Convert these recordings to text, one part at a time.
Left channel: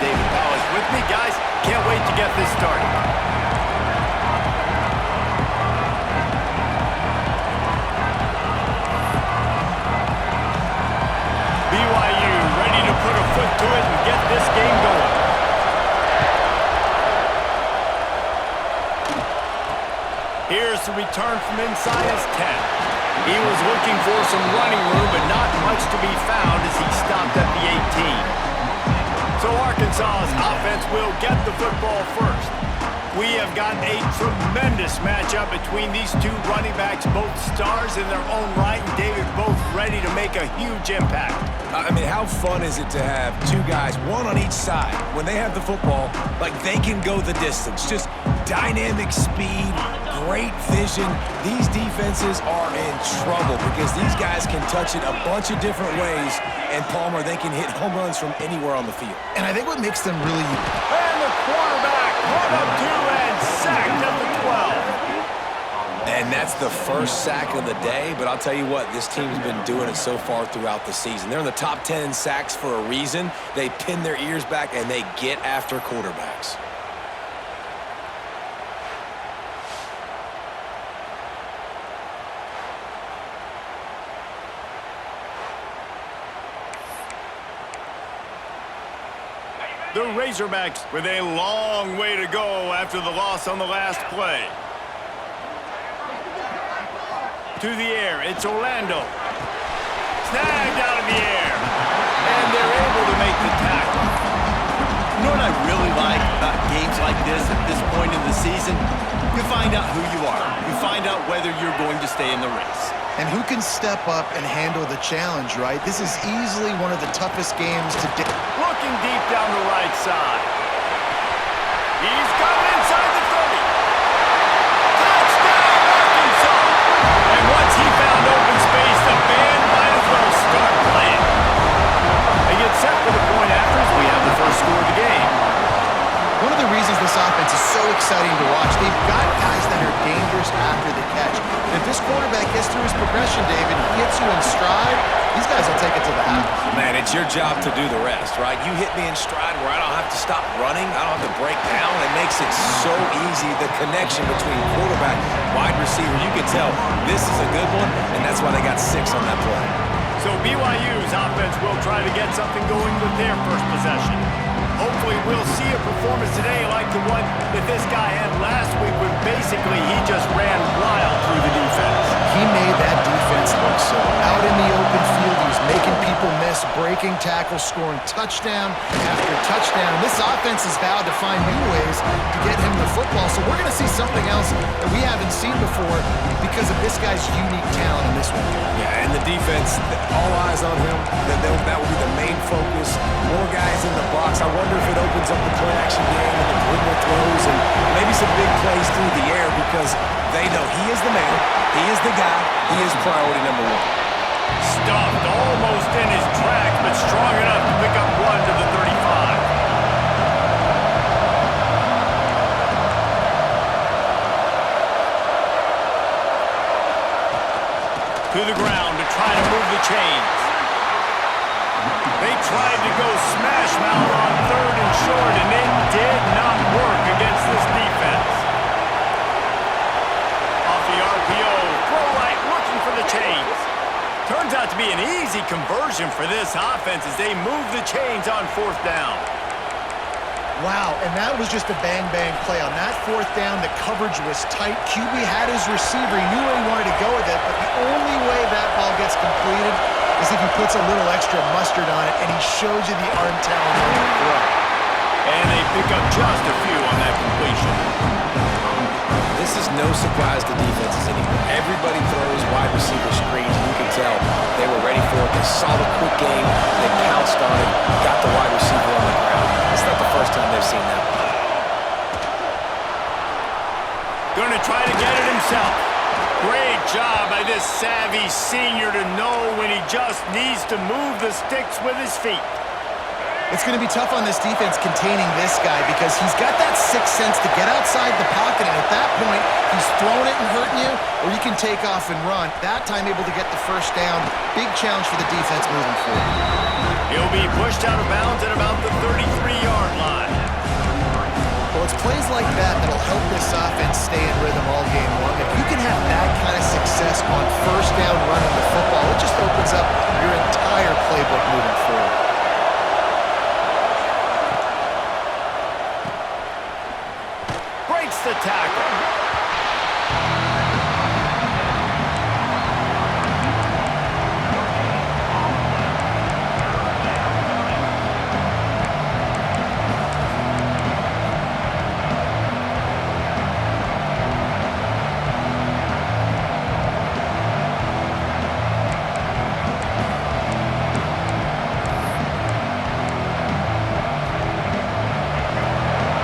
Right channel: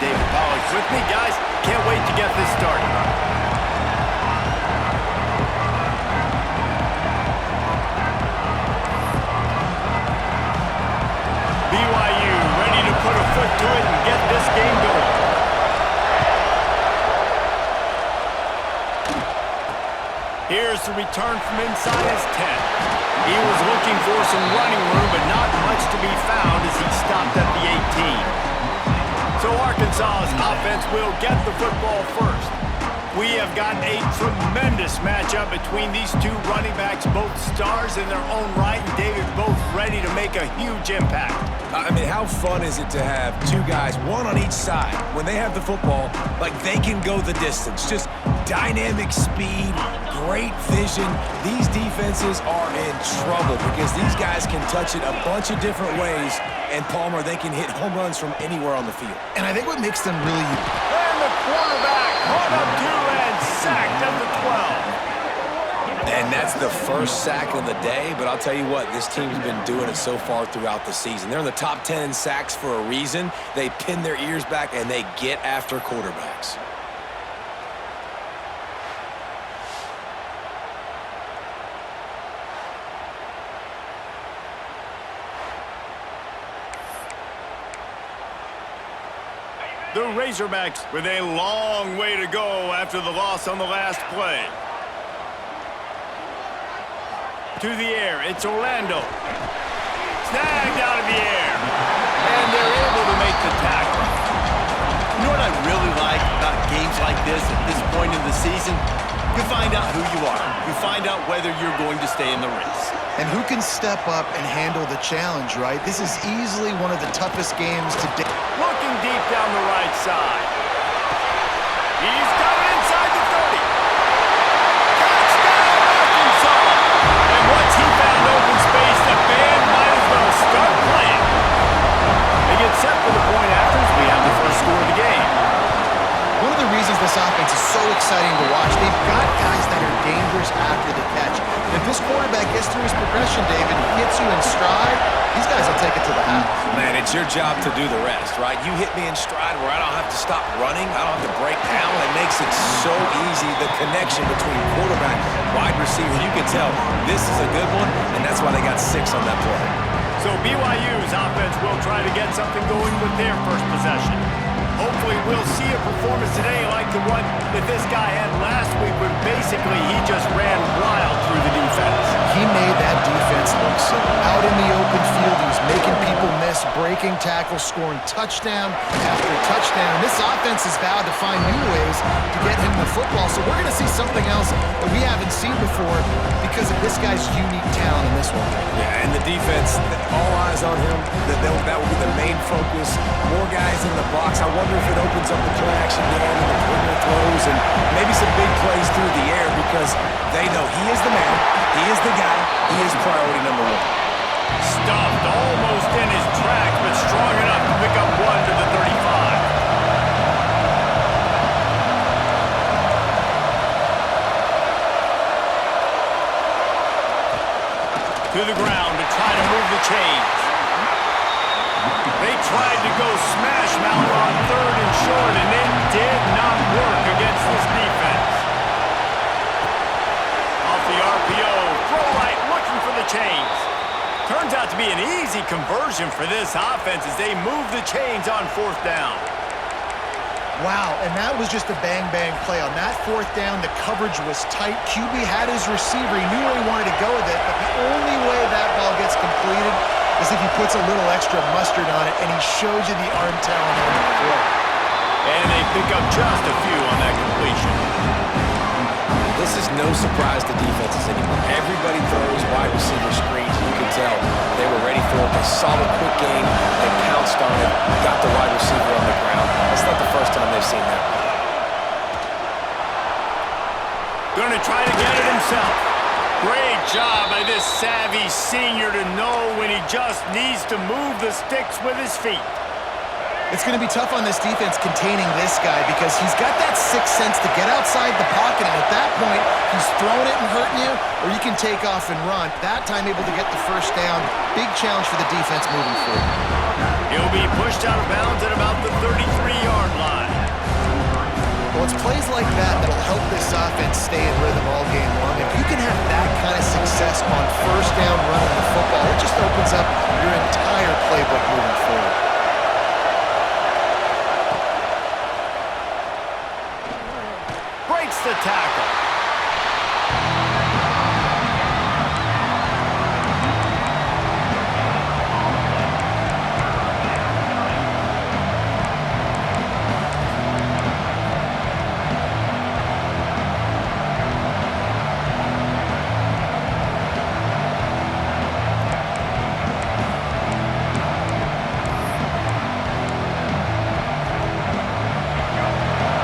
David Pollack with me. Guys, can't wait to get this started. BYU ready to put a foot to it and get this game going. Here's the return from inside his 10. He was looking for some running room, but not much to be found as he stopped at the 18. So Arkansas's offense will get the football first. We have got a tremendous matchup between these two running backs, both stars in their own right, and David both ready to make a huge impact. I mean, how fun is it to have two guys, one on each side, when they have the football, like they can go the distance. Just dynamic speed, great vision. These defenses are in trouble because these guys can touch it a bunch of different ways, and Palmer, they can hit home runs from anywhere on the field. And I think what makes them really... And the quarterback caught up to and sacked at the 12. And that's the first sack of the day, but I'll tell you what, this team's been doing it so far throughout the season. They're in the top 10 in sacks for a reason. They pin their ears back, and they get after quarterbacks. The Razorbacks with a long way to go after the loss on the last play. To the air, it's Orlando. Snagged out of the air. And they're able to make the tackle. You know what I really like about games like this at this point in the season? You find out who you are. You find out whether you're going to stay in the race. And who can step up and handle the challenge, right? This is easily one of the toughest games to date. Looking deep down the right side. He's got it inside the 30. Touchdown, Arkansas! And once he found open space, the band might as well start playing. They get set for the point after as we have the first score of the game. One of the reasons this offense is so exciting to watch, they've got guys that are dangerous after the catch. And if this quarterback gets through his progression, David, hits you in stride, these guys will take it to the house. Man, it's your job to do the rest, right? You hit me in stride where I don't have to stop running. I don't have to break down. It makes it so easy, the connection between quarterback, wide receiver. You can tell this is a good one, and that's why they got 6 on that play. So BYU's offense will try to get something going with their first possession. Hopefully we'll see a performance today like the one that this guy had last week when basically he just ran wild through the defense. He made that defense look silly. Out in the open field, he was making people miss, breaking tackles, scoring touchdown after touchdown. This offense has vowed to find new ways to get him the football, so we're going to see something else that we haven't seen before because of this guy's unique talent in this one. Yeah, and the defense, all eyes on him. That will be the main focus. More guys in the box. I wonder if it opens up the play-action game and the perimeter throws and maybe some big plays through the air because they know he is the man, he is the guy, he is priority number 1. Stuffed almost in his tracks, but strong enough to pick up 1 to the 35. To the ground to try to move the chains. They tried to go smash mouth on 3rd and short, and it did not work against this defense. Off the RPO, throw right, looking for the chains. Turns out to be an easy conversion for this offense as they move the chains on 4th down. Wow, and that was just a bang-bang play. On that 4th down, the coverage was tight. QB had his receiver. He knew where he wanted to go with it, but the only way that ball gets completed is if he puts a little extra mustard on it, and he shows you the arm talent on the throw. And they pick up just a few on that completion. This is no surprise to defenses anymore. Everybody throws wide receiver screens, and you can tell they were ready for it. They saw the quick game, they pounced on it, got the wide receiver on the ground. That's not the first time they've seen that. Gonna try to get it himself. Great job by this savvy senior to know when he just needs to move the sticks with his feet. It's going to be tough on this defense containing this guy because he's got that sixth sense to get outside the pocket, and at that point, he's throwing it and hurting you, or you can take off and run. That time able to get the first down. Big challenge for the defense moving forward. He'll be pushed out of bounds at about the 33-yard It's plays like that that'll help this offense stay in rhythm all game long. If you can have that kind of success on first down running the football, it just opens up your entire playbook moving forward. Breaks the tackle.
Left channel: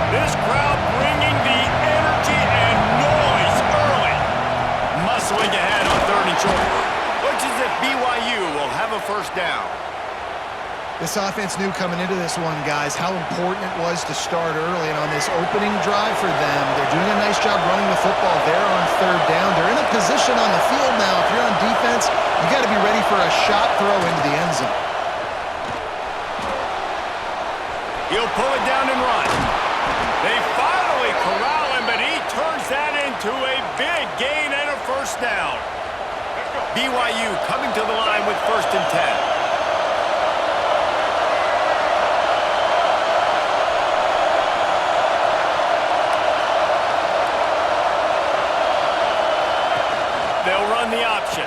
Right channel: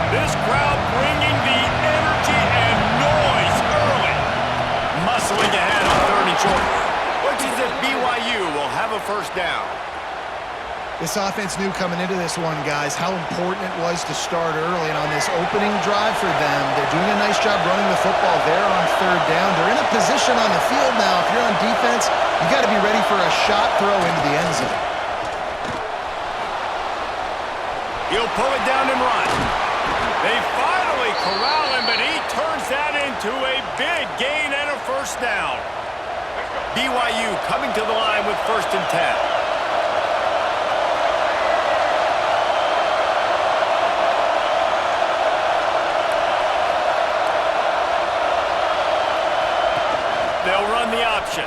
This crowd bringing the energy and noise early. Muscling ahead on 3rd and short. Which is if BYU will have a first down. This offense knew coming into this one, guys, how important it was to start early. And on this opening drive for them, they're doing a nice job running the football there on 3rd down. They're in a position on the field now. If you're on defense, you got to be ready for a shot throw into the end zone. He'll pull it down and run. They finally corral him, but he turns that into a big gain and a first down. BYU coming to the line with 1st and 10. They'll run the option.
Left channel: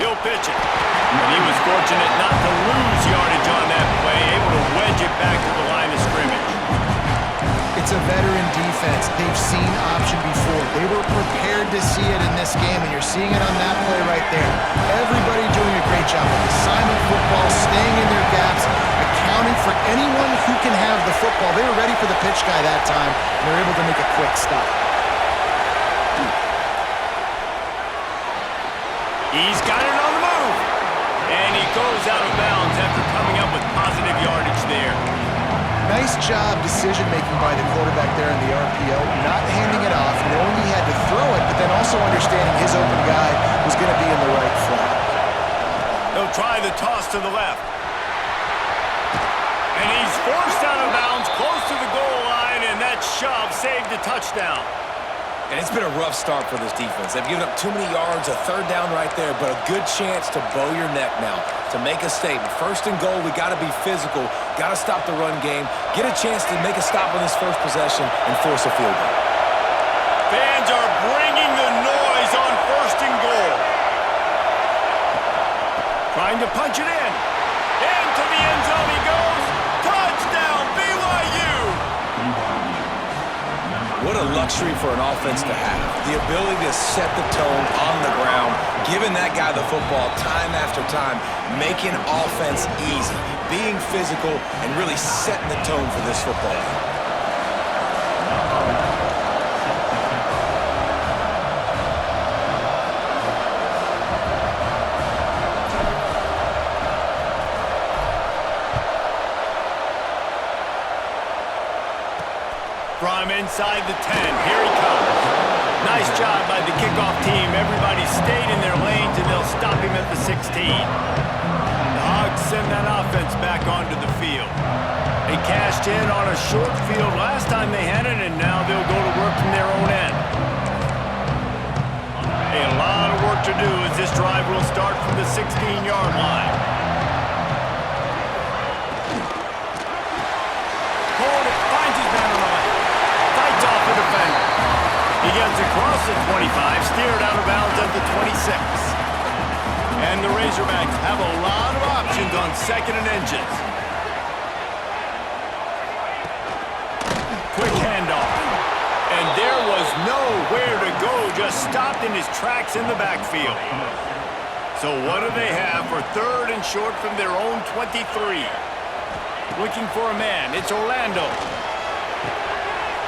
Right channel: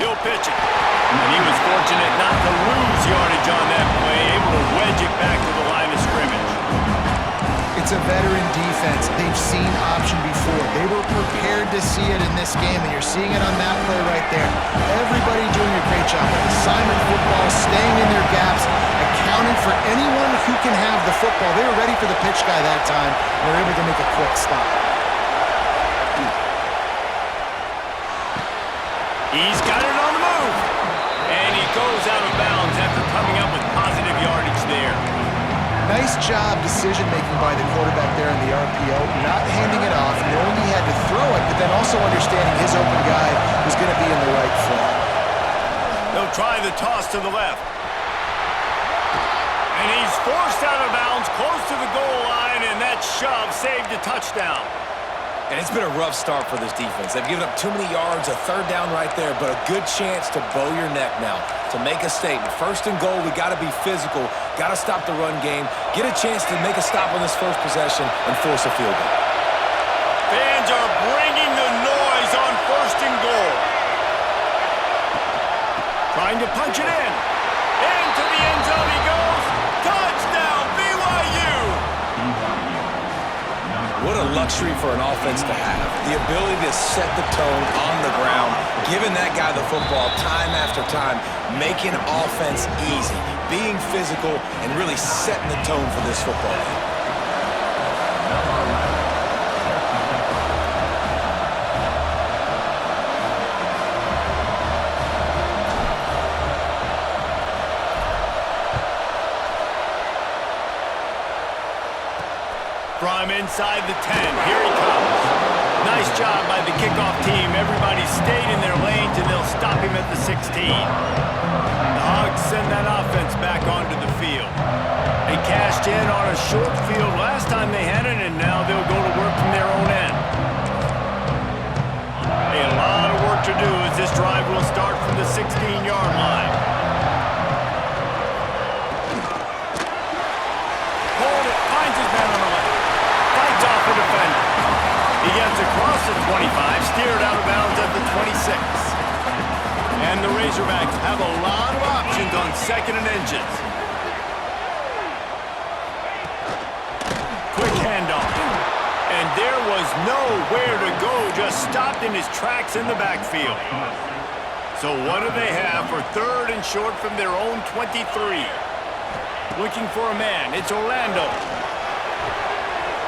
He'll pitch it. And he was fortunate not to lose yardage on that play, able to wedge it back to the line of scrimmage. It's a veteran defense. They've seen option before. They were prepared to see it in this game, and you're seeing it on that play right there. Everybody doing a great job with assignment football, staying in their gaps, accounting for anyone who can have the football. They were ready for the pitch guy that time, and they're able to make a quick stop. He's got it on the move. And he goes out of bounds after coming up with positive yardage there. Nice job decision-making by the quarterback there in the RPO, not handing it off, knowing he had to throw it, but then also understanding his open guy was going to be in the right flat. They'll try the toss to the left. And he's forced out of bounds close to the goal line, and that shove saved a touchdown. And it's been a rough start for this defense. They've given up too many yards, a 3rd down right there, but a good chance to bow your neck now, to make a statement. 1st and goal, we got to be physical, got to stop the run game, get a chance to make a stop on this first possession and force a field goal. Fans are bringing the noise on 1st and goal. Trying to punch it in. Into the end zone he goes. Touchdown, BYU! What a luxury for an offense to have. The ability to set the tone on the ground, giving that guy the football time after time, making offense easy, being physical, and really setting the tone for this football game. From inside the 10, here he comes. Nice job by the kickoff team. Everybody stayed in their lanes, and they'll stop him at the 16. The Hogs send that offense back onto the field. They cashed in on a short field last time they had it, and now they'll go to work from their own end. A lot of work to do as this drive will start from the 16-yard line. Hold it, finds his man on the left. Fights off a defender. He gets across the 25, steered out of bounds at the 26. And the Razorbacks have a lot of options on 2nd and inches. Quick handoff. And there was nowhere to go, just stopped in his tracks in the backfield. So what do they have for 3rd and short from their own 23? Looking for a man, it's Orlando.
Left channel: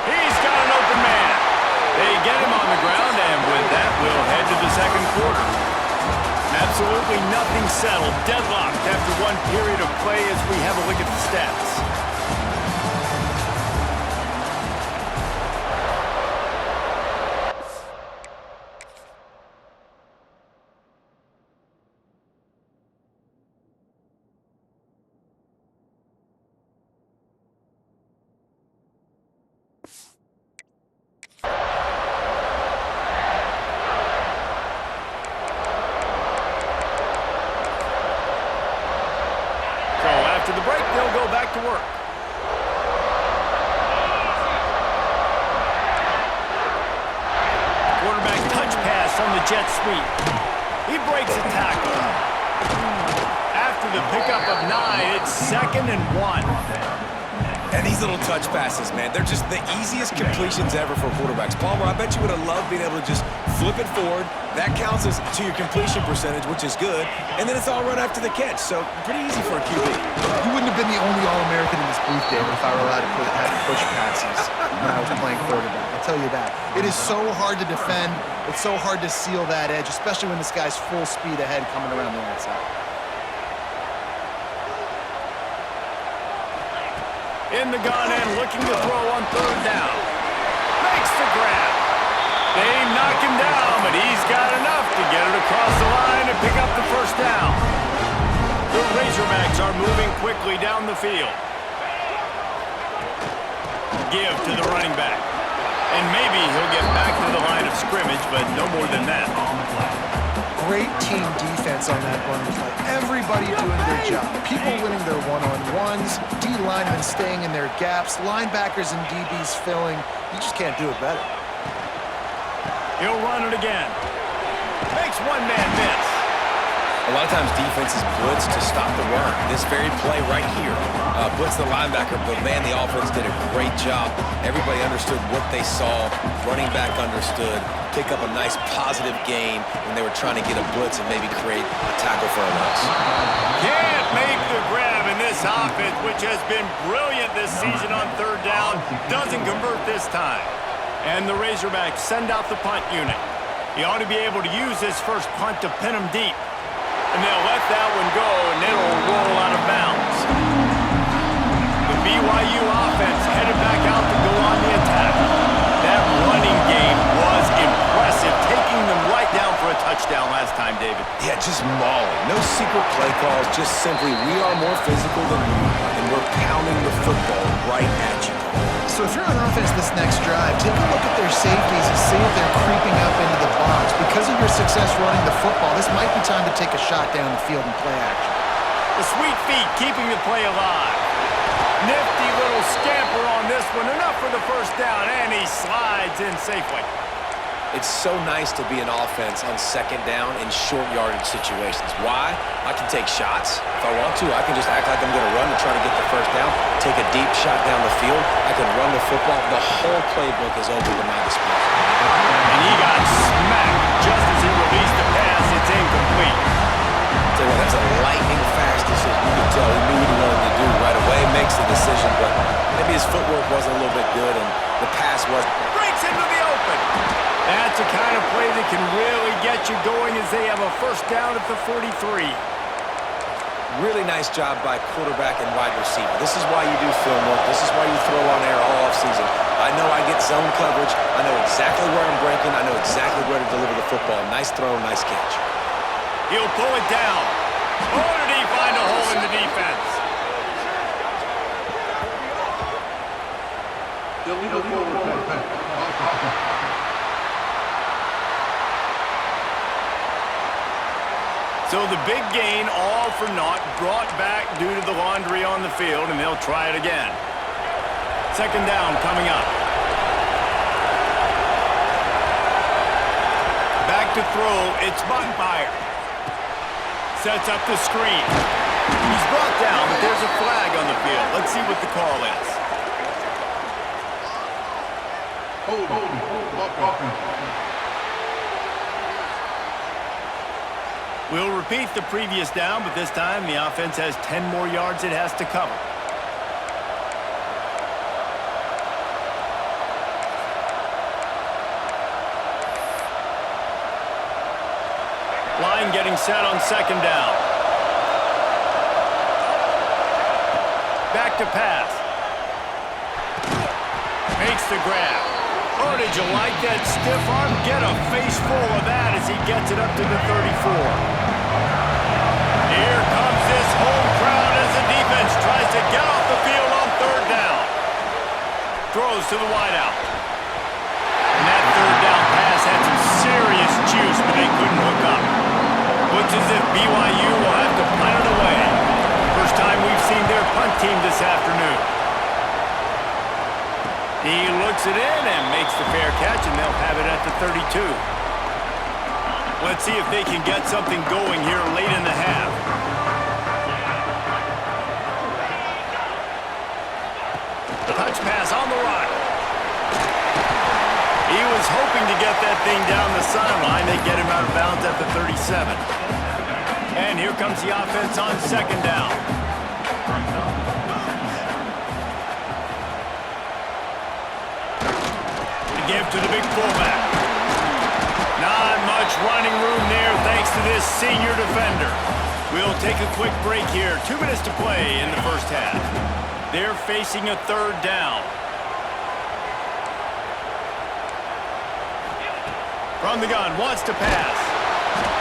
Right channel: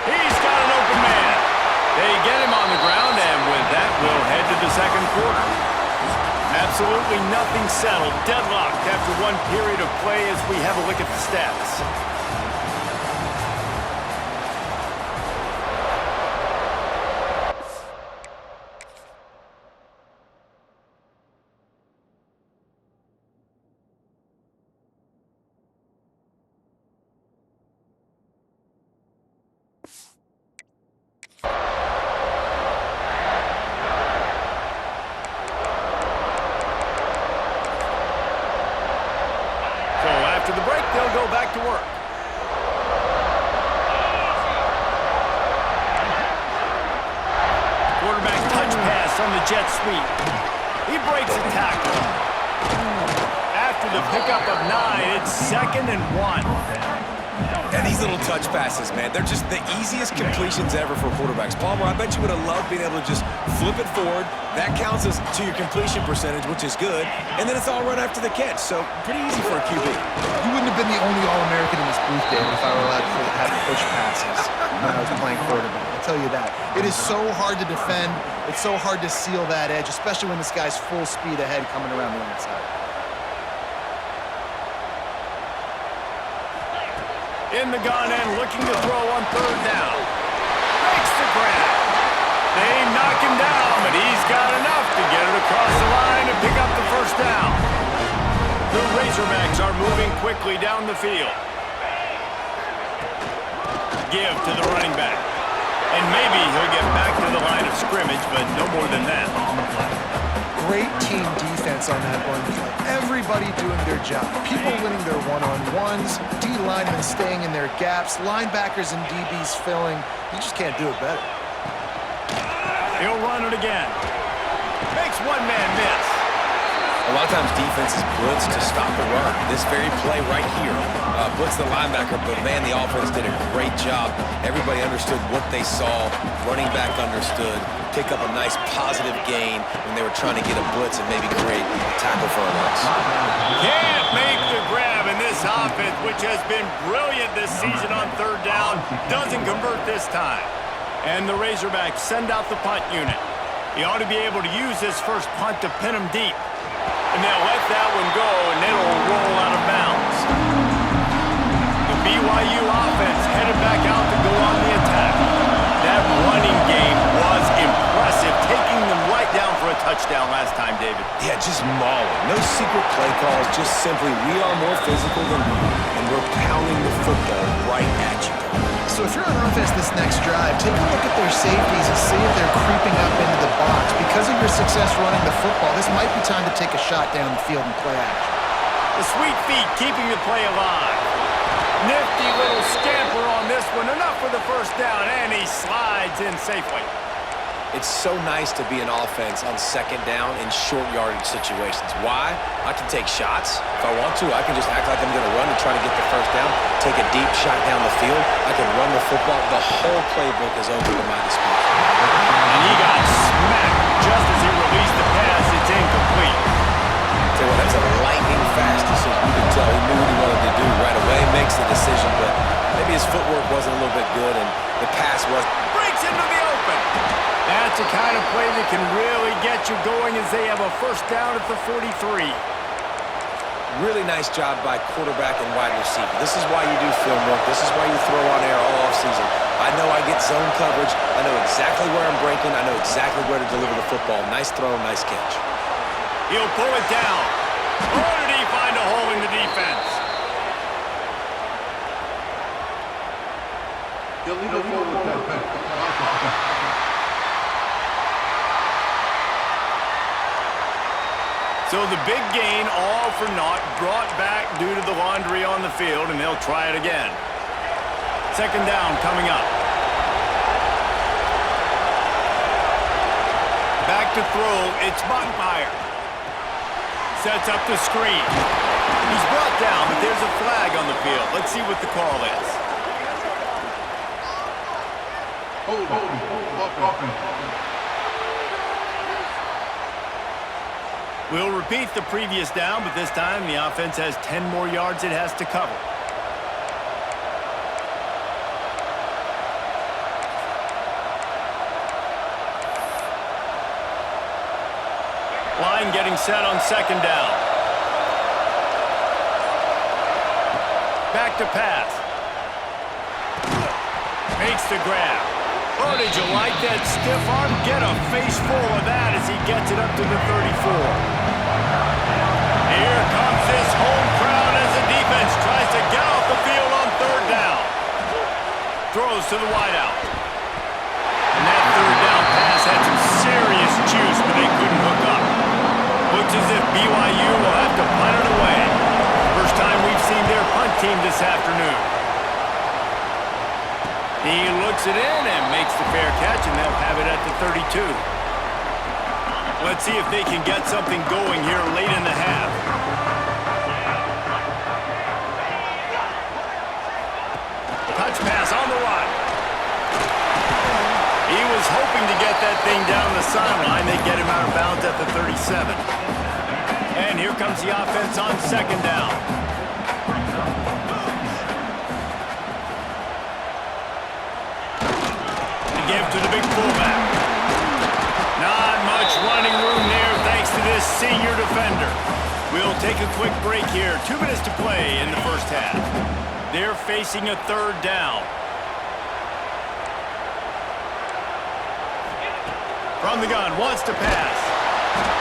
He's got an open man. They get him on the ground, and with that, we'll head to the 2nd quarter. Absolutely nothing settled, deadlocked after one period of play as we have a look at the stats. back to work. Quarterback touch pass on the jet sweep. He breaks a tackle. After the pickup of 9, it's 2nd and 1. And these little touch passes, man, they're just the easiest completions ever for quarterbacks. Palmer, I bet you would have loved being able to just flip it forward. That counts as to your completion percentage, which is good. And then it's all run after the catch, so pretty easy for a QB. You wouldn't have been the only All-American in this booth, David, if I were allowed to have push passes when I was playing quarterback. I'll tell you that. It is so hard to defend. It's so hard to seal that edge, especially when this guy's full speed ahead coming around the outside. In the gun and looking to throw on 3rd down. Makes the grab. They knock him down, but he's got enough to get it across the line and pick up the 1st down. The Razorbacks are moving quickly down the field. Give to the running back. And maybe he'll get back to the line of scrimmage, but no more than that. Great team defense on that run play. Everybody doing their job. People winning their one-on-ones, D linemen staying in their gaps, linebackers and DBs filling. You just can't do it better. He'll run it again. Makes one man miss. A lot of times defenses blitz to stop the run. This very play right here, blitz the linebacker, but man, the offense did a great job. Everybody understood what they saw. Running back understood. Pick up a nice positive gain when they were trying to get a blitz and maybe create a tackle for a loss. Can't make the grab, in this offense, which has been brilliant this season on 3rd down, doesn't convert this time. And the Razorbacks send out the punt unit. He ought to be able to use this first punt to pin him deep. And they'll let that one go, and it'll roll out of bounds. The BYU offense headed back out to go on the attack. That running game was impressive, taking them right down for a touchdown last time, David. Yeah, just mauling. No secret play calls, just simply we are more physical than you, and we're pounding the football right at you. So if you're on offense this next drive, take a look at their safeties and see if they're creeping up into the box. Because of your success running the football, this might be time to take a shot down the field and play action. The sweet feet keeping the play alive. Nifty little scamper on this one. Enough for the 1st down, and he slides in safely. It's so nice to be an offense on 2nd down in short yardage situations. Why? I can take shots. If I want to, I can just act like I'm going to run to try to get the 1st down, take a deep shot down the field. I can run the football. The whole playbook is open to my disposal. And he got smacked just as he released the pass. It's incomplete. Tell you what, that's a lightning fast decision. You can tell he knew what he wanted to do right away, makes the decision, but maybe his footwork wasn't a little bit good and the pass was. Breaks into the open. That's the kind of play that can really get you going as they have a 1st down at the 43. Really nice job by quarterback and wide receiver. This is why you do film work. This is why you throw on air all offseason. I know I get zone coverage. I know exactly where I'm breaking. I know exactly where to deliver the football. Nice throw, nice catch. He'll pull it down. Oh, did he find a hole in the defense? Illegal forward. So the big gain, all for naught, brought back due to the laundry on the field, and they'll try it again. 2nd down coming up. Back to throw, it's Bachmeier. Sets up the screen. He's brought down, but there's a flag on the field. Let's see what the call is. We'll repeat the previous down, but this time the offense has 10 more yards it has to cover. Line getting set on 2nd down. Back to pass. Makes the grab. Oh, did you like that stiff arm? Get a face full of that as he gets it up to the 34. Here comes this home crowd as the defense tries to get off the field on 3rd down. Throws to the wideout. And that 3rd down pass had some serious juice, but they couldn't hook up. Looks as if BYU will have to punt it away. First time we've seen their punt team this afternoon. He looks it in and makes the fair catch, and they'll have it at the 32. Let's see if they can get something going here late in the half. Touch pass on the run. He was hoping to get that thing down the sideline. They get him out of bounds at the 37. And here comes the offense on second down. To give to the big fullback. Not much running room there thanks to this senior defender. We'll take a quick break here. 2 minutes to play in the first half. They're facing a third down. From the gun, wants to pass.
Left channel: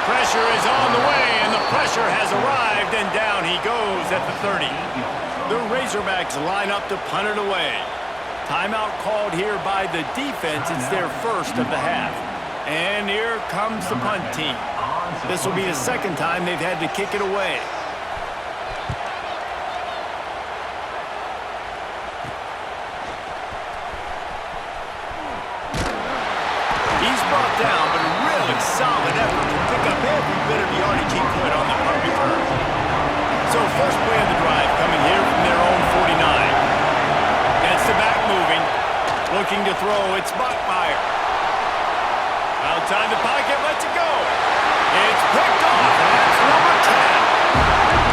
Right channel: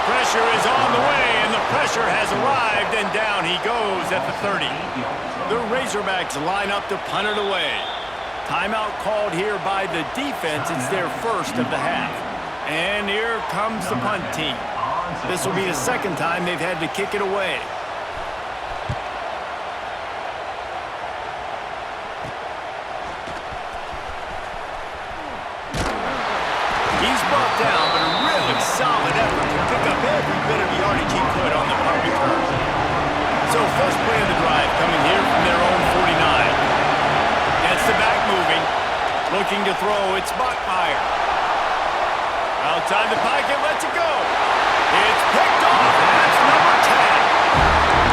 Pressure is on the way, and the pressure has arrived, and down he goes at the 30. The Razorbacks line up to punt it away. Timeout called here by the defense. It's their first of the half. And here comes the punt team. This will be the second time they've had to kick it away. He's brought down, but a really solid effort to pick up every bit of yardage he could on the punt return. So first play of the drive coming here from their own 49. Gets the back moving. Looking to throw, it's Bachmeier. Outside the pocket, lets it go. It's picked off, and that's number 10.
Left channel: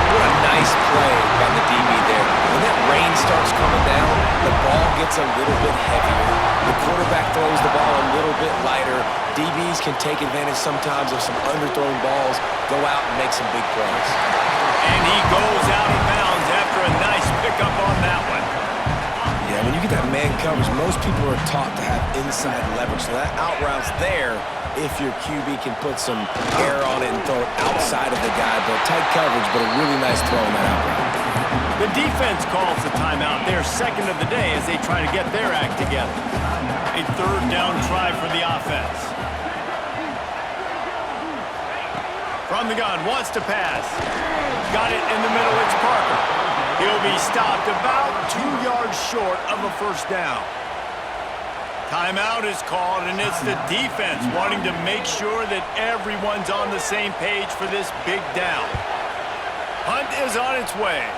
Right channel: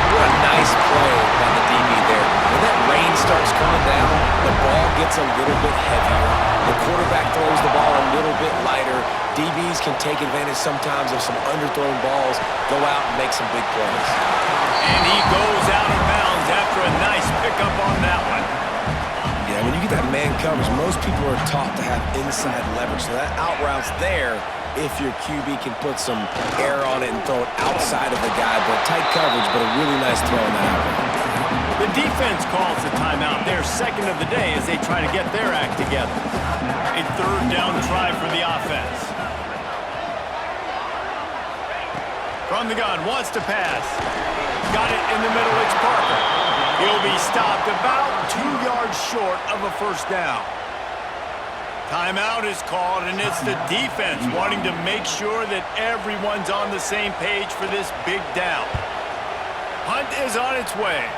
What a nice play by the DB there. When that rain starts coming down, the ball gets a little bit heavier. The quarterback throws the ball a little bit lighter. DBs can take advantage sometimes of some underthrown balls, go out and make some big plays. And he goes out of bounds after a nice pickup on that one. Yeah, when you get that man coverage, most people are taught to have inside leverage. So that out route's there if your QB can put some air on it and throw it outside of the guy. But tight coverage, but a really nice throw in that out route. The defense calls the timeout, their second of the day, as they try to get their act together. A third down try for the offense. From the gun, wants to pass. Got it in the middle, it's Parker. He'll be stopped about 2 yards short of a first down. Timeout is called, and it's the defense wanting to make sure that everyone's on the same page for this big down. Punt is on its way.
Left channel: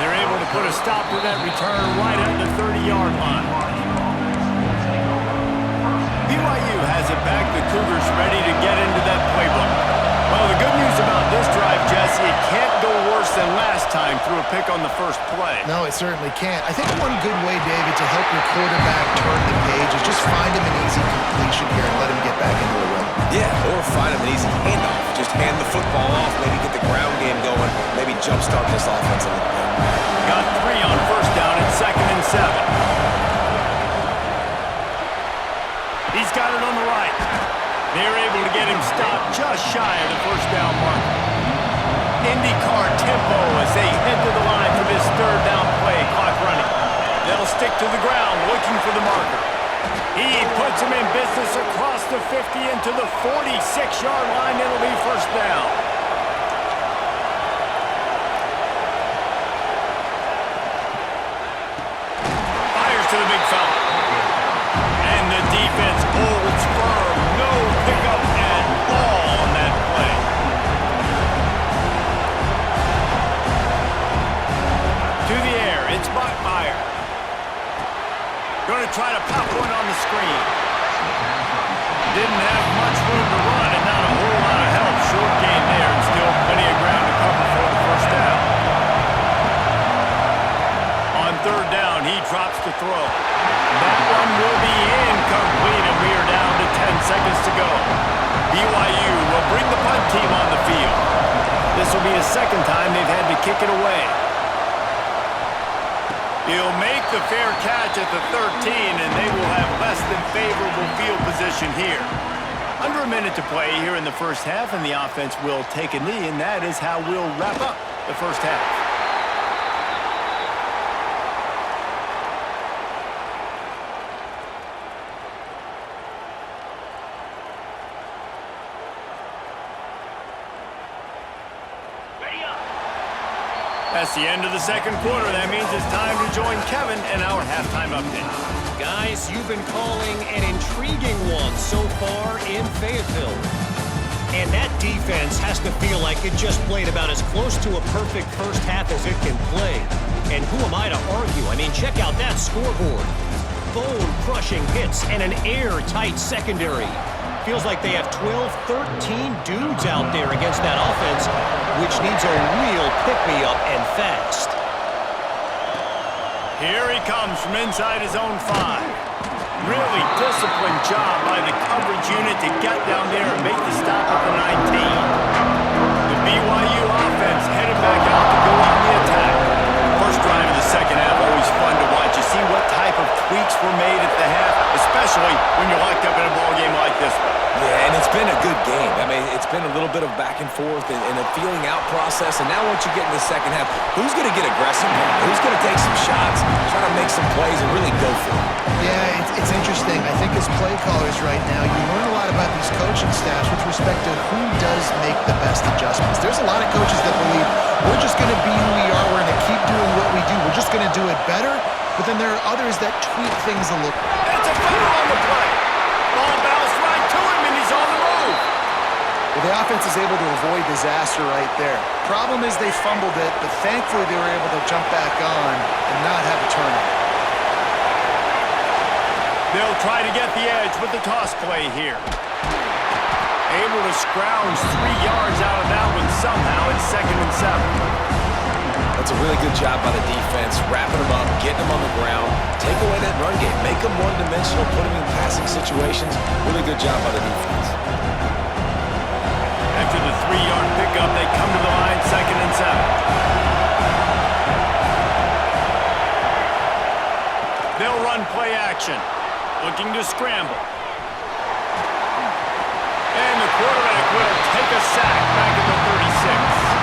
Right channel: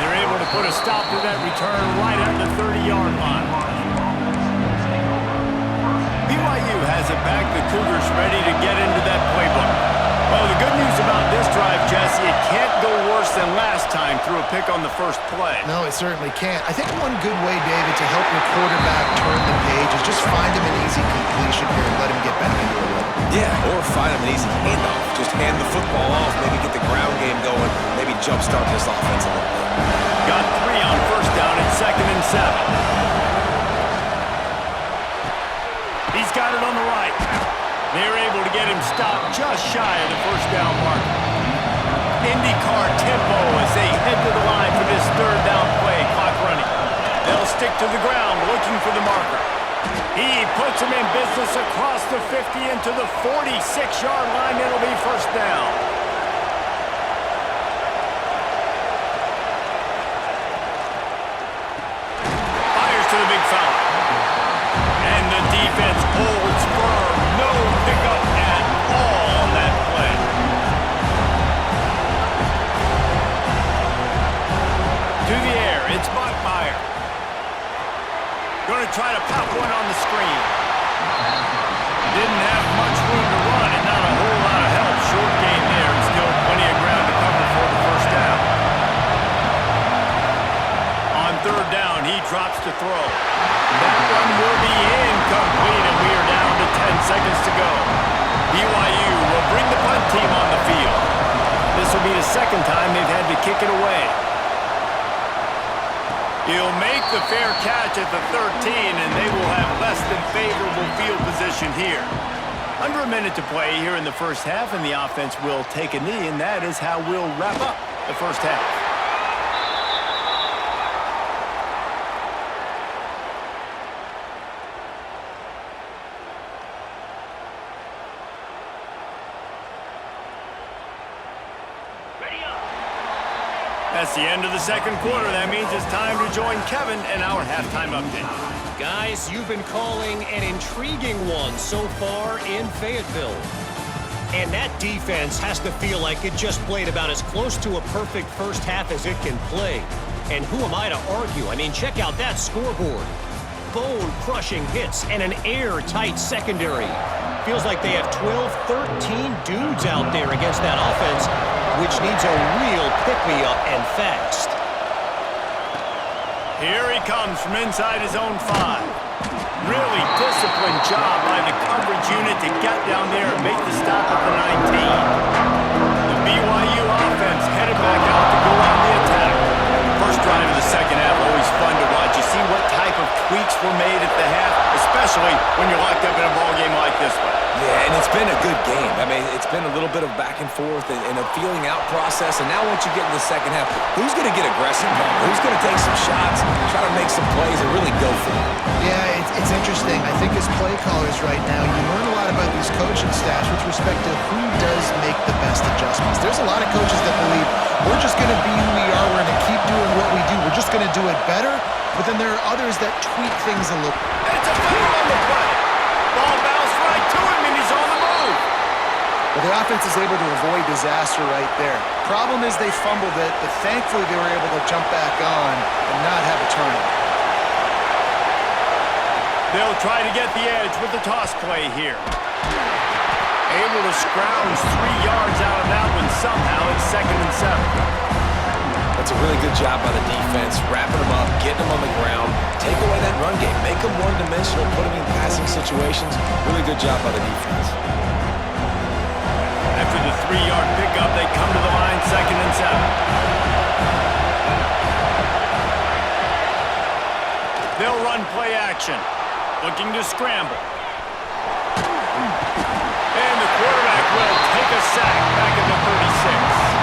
They're able to put a stop to that return right at the 30-yard line. BYU has it back. The Cougars ready to get into that playbook. Well, the good news about this drive, Jesse, it can't go worse than last time through a pick on the first play. No, it certainly can't. I think one good way, David, to help your quarterback turn the page is just find him an easy completion here and let him get back into a rhythm. Yeah, or find him an easy handoff. Just hand the football off, maybe get the ground game going, maybe jumpstart this offense a little bit. Got 3 on first down at 2nd and 7. He's got it on the right. They're able to get him stopped just shy of the first down mark. IndyCar tempo as they head to the line for this third down play, clock running. They'll stick to the ground looking for the marker. He puts him in business across the 50 into the 46-yard line. It'll be first down. Fires to the big fella. And the defense holds firm. No pickup at all on that play. To the air, it's Bachmeier. Going to try to pop one on the screen. Didn't have much room to run and not a whole lot of help. Short gain there and still plenty of ground to cover for the first down. On third down, he drops to throw. That one will be incomplete, and we are down to 10 seconds to go. BYU will bring the punt team on the field. This will be the second time they've had to kick it away. He'll make the fair catch at the 13, and they will have less than favorable field position here. Under a minute to play here in the first half, and the offense will take a knee, and that is how we'll wrap up the first half. That's the end of the second quarter. That means it's time to join Kevin in our halftime update. Guys, you've been calling an intriguing one so far in Fayetteville. And that defense has to feel like it just played about as close to a perfect first half as it can play. And who am I to argue? I mean, check out that scoreboard. Bone-crushing hits and an airtight secondary. Feels like they have 12, 13 dudes out there against that offense, which needs a real pick-me-up and fast. Here he comes from inside his own 5. Really disciplined job by the coverage unit to get down there and make the stop at the 19. The BYU offense headed back out to go on the attack. First drive of the second half, always fun to watch. You see what type of tweaks were made at the half, especially when you're locked up in a ball game like this one. Yeah, and it's been a good game. I mean, it's been a little bit of back and forth and a feeling out process. And now once you get in the second half, who's going to get aggressive? Who's going to take some shots, try to make some plays, and really go for it? Yeah, it's interesting. I think as play callers right now, you learn a lot about these coaching staffs with respect to who does make the best adjustments. There's a lot of coaches that believe we're just going to be who we are. We're going to keep doing what we do. We're just going to do it better. But then there are others that tweak things a little. It's a foul on the play. Ball bounced right to him, and he's on the move. Well, the offense is able to avoid disaster right there. Problem is they fumbled it, but thankfully they were able to jump back on and not have a turnover. They'll try to get the edge with the toss play here. Able to scrounge 3 yards out of that one somehow. It's 2nd and 7. That's a really good job by the defense, wrapping them up, getting them on the ground, take away that run game, make them one-dimensional, put them in passing situations. Really good job by the defense. After the 3-yard pickup, they come to the line, 2nd and 7. They'll run play action, looking to scramble. And the quarterback will take a sack back at the 36.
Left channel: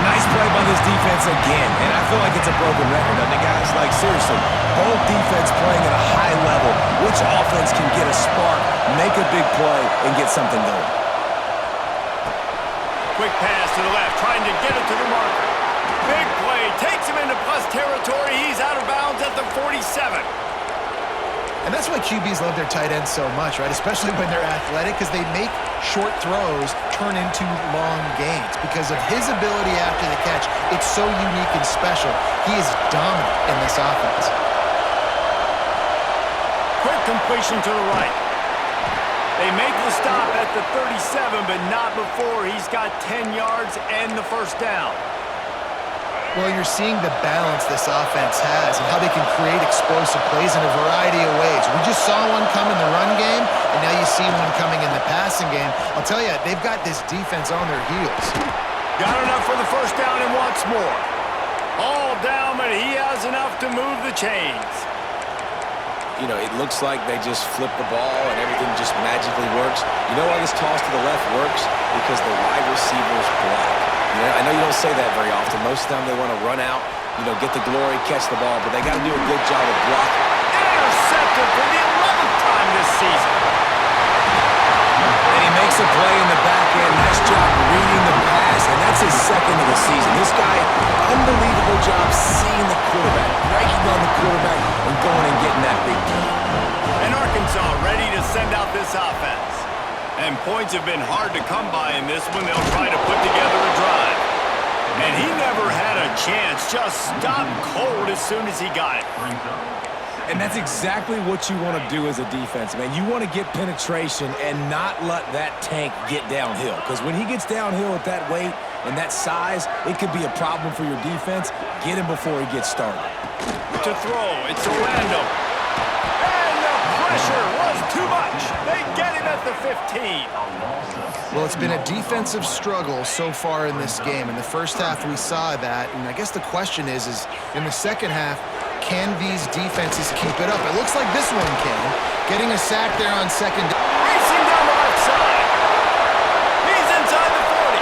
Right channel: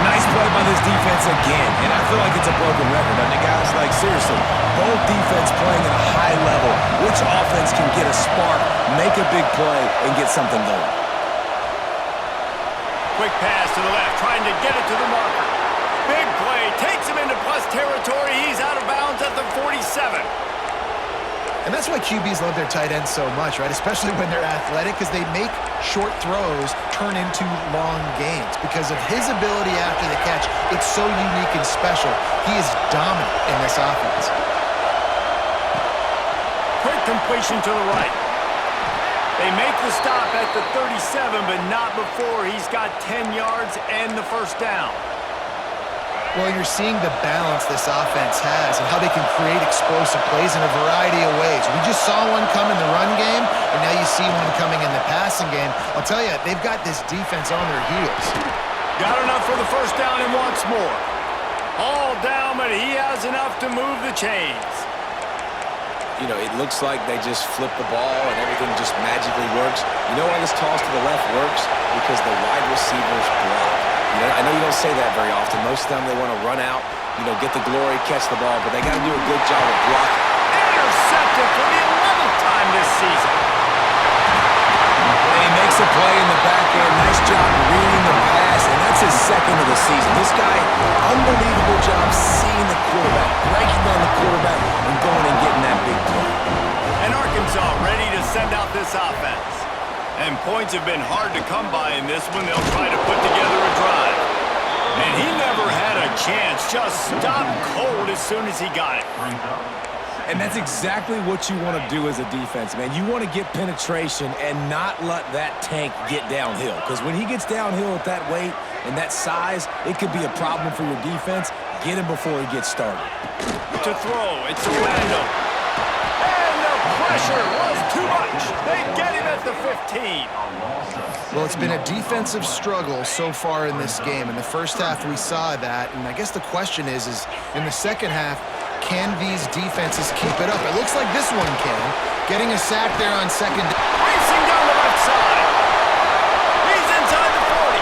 Nice play by this defense again, and I feel like it's a broken record, doesn't it, guys? Like, seriously, both defense playing at a high level. Which offense can get a spark, make a big play, and get something going? Quick pass to the left, trying to get it to the marker. Big play, takes him into plus territory. He's out of bounds at the 47. And that's why QBs love their tight ends so much, right? Especially when they're athletic, because they make short throws turn into long gains. Because of his ability after the catch, it's so unique and special. He is dominant in this offense. Quick completion to the right. They make the stop at the 37, but not before he's got 10 yards and the first down. Well, you're seeing the balance this offense has and how they can create explosive plays in a variety of ways. We just saw one come in the run game, and now you see one coming in the passing game. I'll tell you, they've got this defense on their heels. Got enough for the first down and wants more. All down, but he has enough to move the chains. You know, it looks like they just flip the ball and everything just magically works. You know why this toss to the left works? Because the wide receivers block. You know, I know you don't say that very often. Most of the time they want to run out, you know, get the glory, catch the ball, but they got to do a good job of blocking. Intercepted for the 11th time this season. And he makes a play in the back end. Nice job reading the pass, and that's his 2nd of the season. This guy, unbelievable job seeing the quarterback, breaking on the quarterback, and going and getting that big play. And Arkansas ready to send out this offense. And points have been hard to come by in this one. They'll try to put together a drive. And he never had a chance. Just stopped cold as soon as he got it. And that's exactly what you want to do as a defense, man. You want to get penetration and not let that tank get downhill. Because when he gets downhill at that weight and that size, it could be a problem for your defense. Get him before he gets started. To throw, it's Orlando. And the pressure was too much. They get him at the 15. Well, it's been a defensive struggle so far in this game. In the first half, we saw that. And I guess the question is in the second half, can these defenses keep it up? It looks like this one can. Getting a sack there on second. Racing down the left side. He's inside the 40.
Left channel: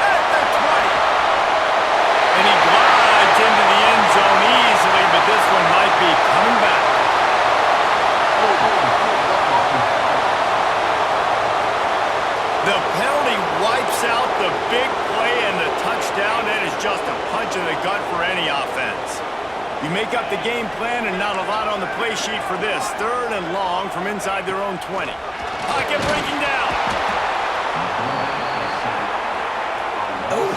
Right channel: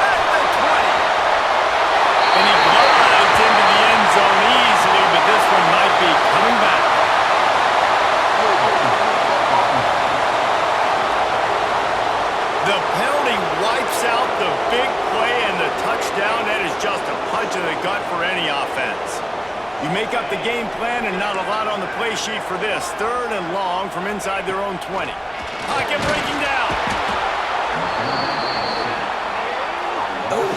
At the 20. And he glides into the end zone easily, but this one might be coming back. The penalty wipes out the big play and the touchdown. That is just a punch in the gut for any offense. You make up the game plan and not a lot on the play sheet for this. 3rd and long from inside their own 20. Pocket breaking down. Oh,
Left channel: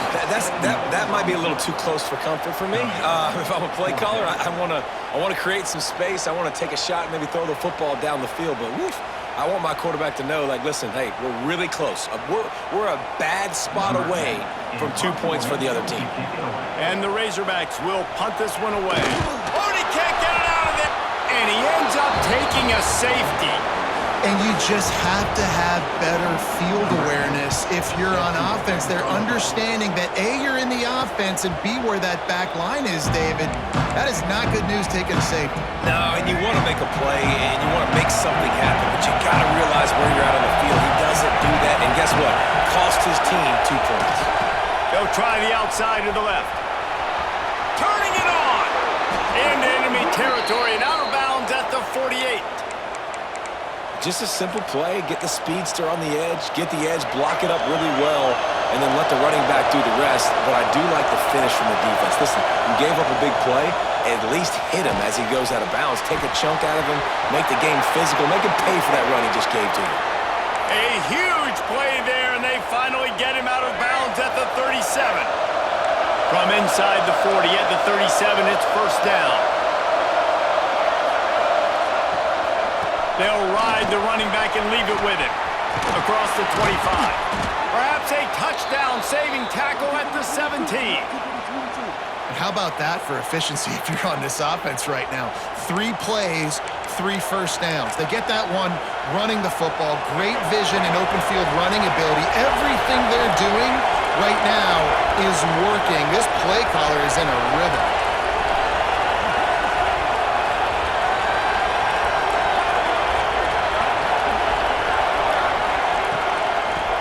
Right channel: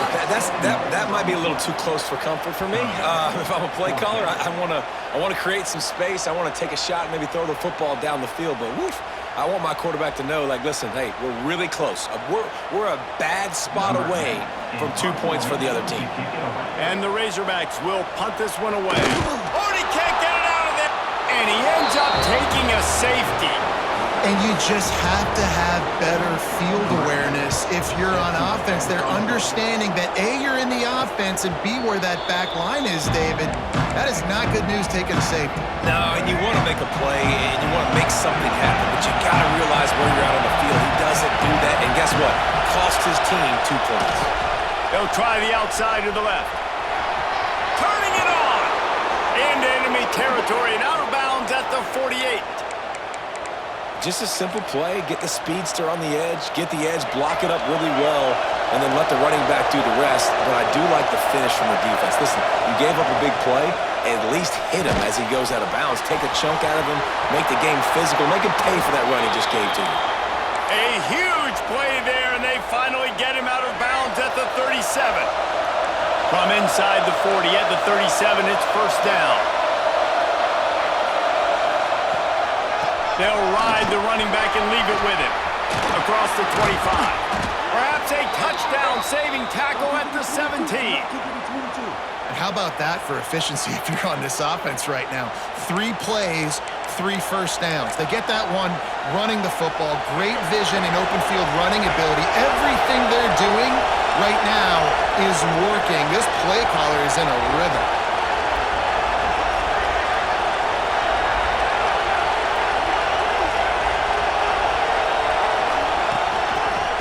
that might be a little too close for comfort for me. If I'm a play caller, I want to create some space. I want to take a shot and maybe throw the football down the field. But woof, I want my quarterback to know, like, listen, hey, we're really close. We're a bad spot away from 2 points for the other team. And the Razorbacks will punt this one away. Oh, he can't get it out of there. And he ends up taking a safety. And you just have to have better field awareness if you're on offense. They're understanding that A, you're in the offense, and B, where that back line is, David. That is not good news taking a safety. No, and you want to make a play, and you want to make something happen, but you got to realize where you're out on the field. He doesn't do that, and guess what? Cost his team 2 points. They'll try the outside to the left. Turning it on. Into enemy territory and out of bounds at the 48. Just a simple play, get the speedster on the edge, block it up really well, and then let the running back do the rest. But I do like the finish from the defense. Listen, you gave up a big play, at least hit him as he goes out of bounds. Take a chunk out of him, make the game physical, make him pay for that run he just gave to you. A huge play there, and they finally get him out of bounds at the 37. From inside the 40 at the 37, it's 1st down. They'll ride the running back and leave it with him. Across the 25. Perhaps a touchdown-saving tackle at the 17. And how about that for efficiency if you're on this offense right now? 3 plays, 3 first downs. They get that one running the football, great vision and open field running ability. Everything they're doing right now is working. This play caller is in a rhythm.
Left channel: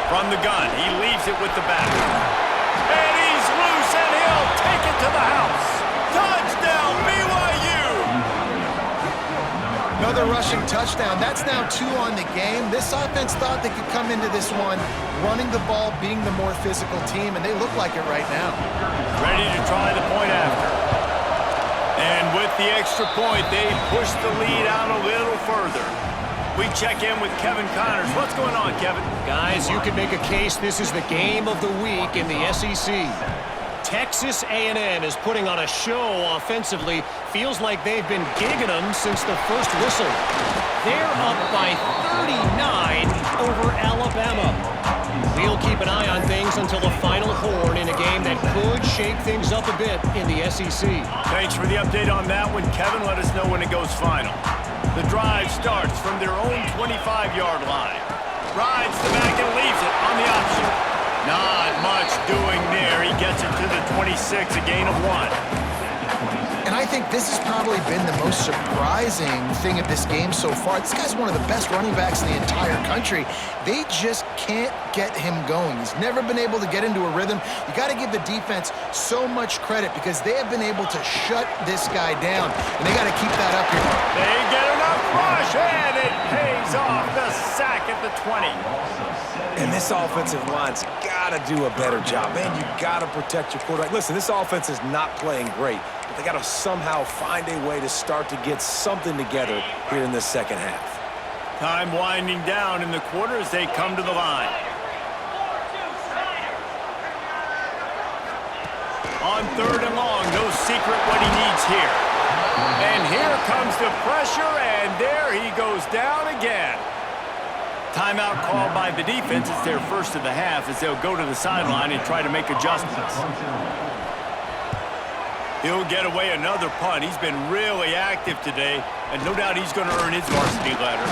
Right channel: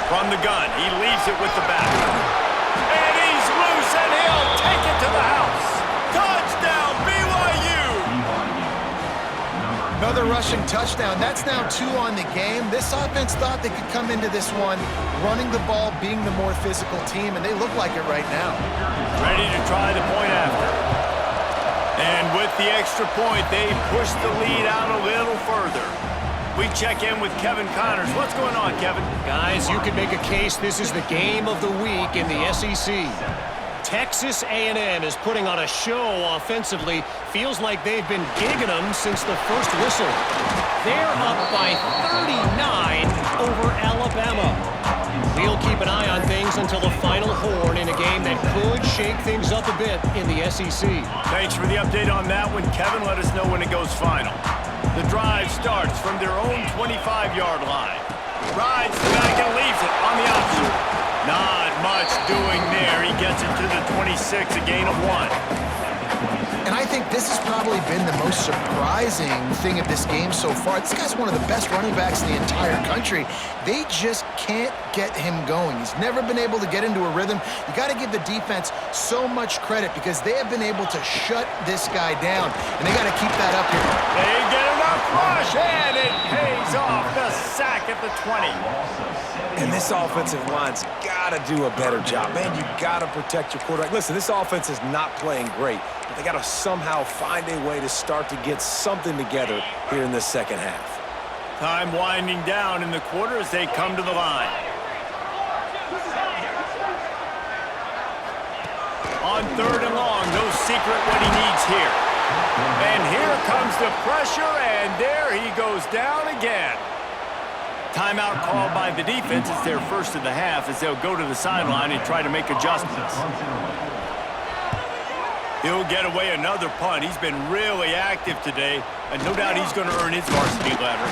From the gun, he leaves it with the back. And he's loose, and he'll take it to the house. Touchdown, BYU! Another rushing touchdown. That's now 2 on the game. This offense thought they could come into this one running the ball, being the more physical team, and they look like it right now. Ready to try the point after. And with the extra point, they push the lead out a little further. We check in with Kevin Connors. What's going on, Kevin? Guys, you could make a case this is the game of the week in the SEC. Texas A&M is putting on a show offensively. Feels like they've been gigging them since the first whistle. They're up by 39 over Alabama. We'll keep an eye on things until the final horn in a game that could shake things up a bit in the SEC. Thanks for the update on that one, Kevin. Let us know when it goes final. The drive starts from their own 25-yard line. Rides the back and leaves it on the option. Not much doing there. He gets it to the 26, a gain of 1. And I think this has probably been the most surprising thing of this game so far. This guy's one of the best running backs in the entire country. They just can't get him going. He's never been able to get into a rhythm. You got to give the defense so much credit because they have been able to shut this guy down, and they got to keep that up here. They get enough rush, and it pays off. The sack at the 20. And this offensive line's got to do a better job. Man, you got to protect your quarterback. Listen, this offense is not playing great, but they got to somehow find a way to start to get something together here in this second half. Time winding down in the quarter as they come to the line. On 3rd and long, no secret what he needs here. And here comes the pressure, and there he goes down again. Timeout called by the defense. It's their first of the half as they'll go to the sideline and try to make adjustments. He'll get away another punt. He's been really active today, and no doubt he's going to earn his varsity letter.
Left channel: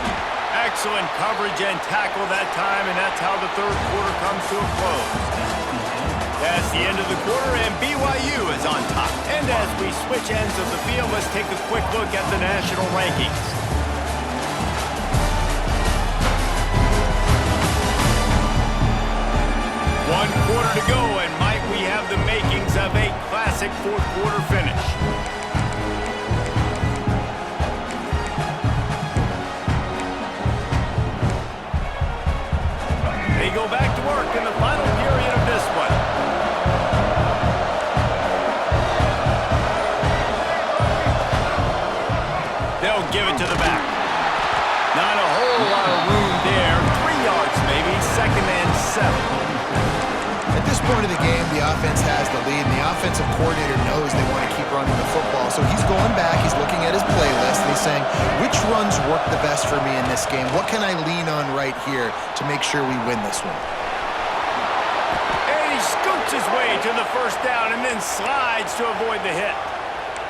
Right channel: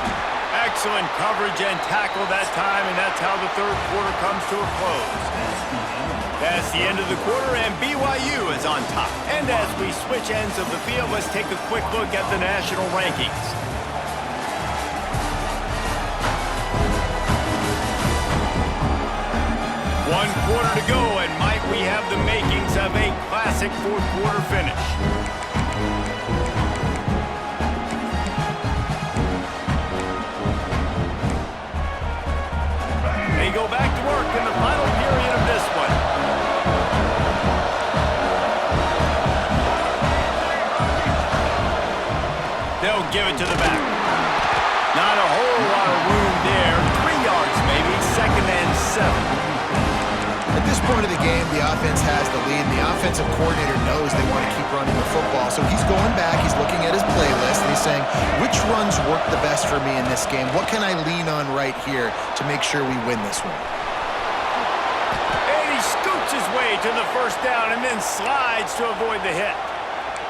Excellent coverage and tackle that time, and that's how the 3rd quarter comes to a close. That's the end of the quarter, and BYU is on top. And as we switch ends of the field, let's take a quick look at the national rankings. One quarter to go, and might we have the makings of a classic 4th quarter finish. They go back They'll give it to the back. Not a whole lot of room there. 3 yards maybe, 2nd and 7. At this point of the game, the offense has the lead, and the offensive coordinator knows they want to keep running the football. So he's going back, he's looking at his playlist, and he's saying, which runs work the best for me in this game? What can I lean on right here to make sure we win this one? And he scoots his way to the 1st down and then slides to avoid the hit.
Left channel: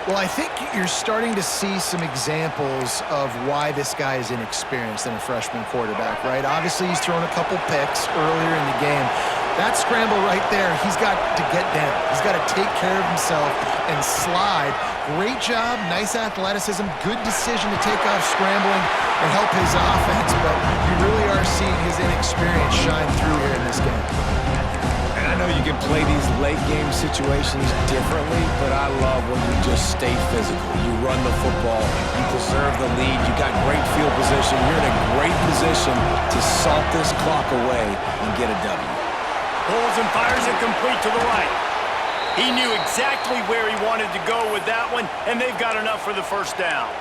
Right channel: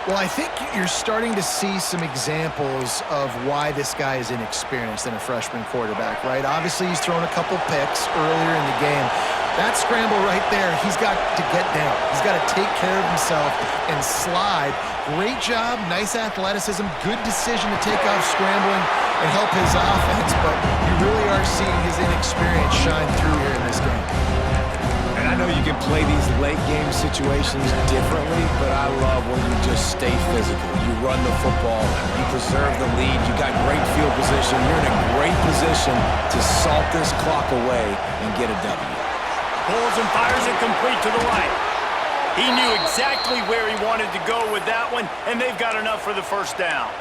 Well, I think you're starting to see some examples of why this guy is inexperienced in a freshman quarterback, right? Obviously, he's thrown a couple picks earlier in the game. That scramble right there, he's got to get down. He's got to take care of himself and slide. Great job, nice athleticism, good decision to take off scrambling and help his offense, but you really are seeing his inexperience shine through here in this game. And I know you can play these late game situations differently, but I love when you just stay physical. You run the football, you preserve the lead, you got great field position. You're in a great position to salt this clock away and get a W. Pulls and fires it complete to the right. He knew exactly where he wanted to go with that one, and they've got enough for the 1st down.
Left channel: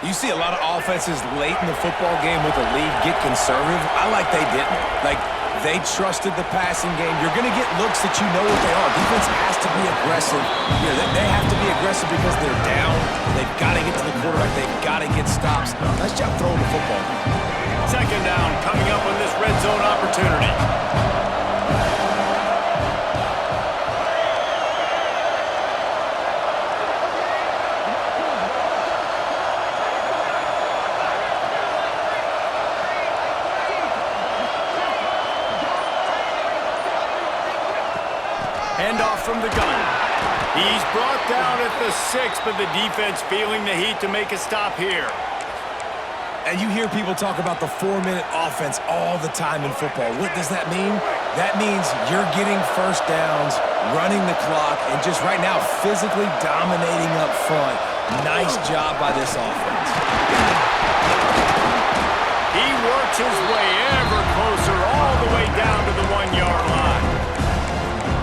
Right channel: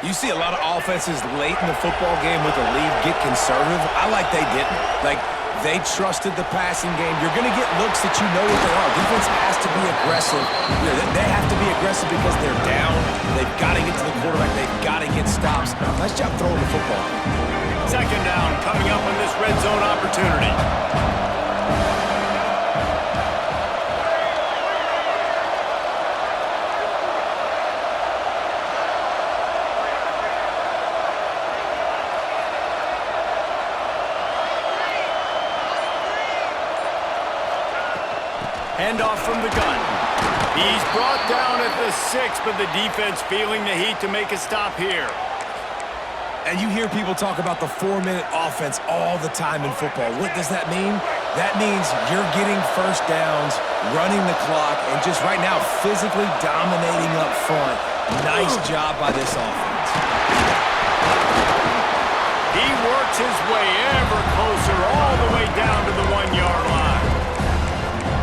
You see a lot of offenses late in the football game with a lead get conservative. I like they didn't. Like, they trusted the passing game. You're going to get looks that you know what they are. Defense has to be aggressive. You know, they have to be aggressive because they're down. They've got to get to the quarterback. They've got to get stops. Nice job throwing the football. 2nd down coming up on this red zone opportunity. Handoff from the gun. He's brought down at the 6, but the defense feeling the heat to make a stop here. And you hear people talk about the 4-minute offense all the time in football. What does that mean? That means you're getting 1st downs, running the clock, and just right now physically dominating up front. Nice job by this offense. He works his way ever closer all the way down to the 1-yard line.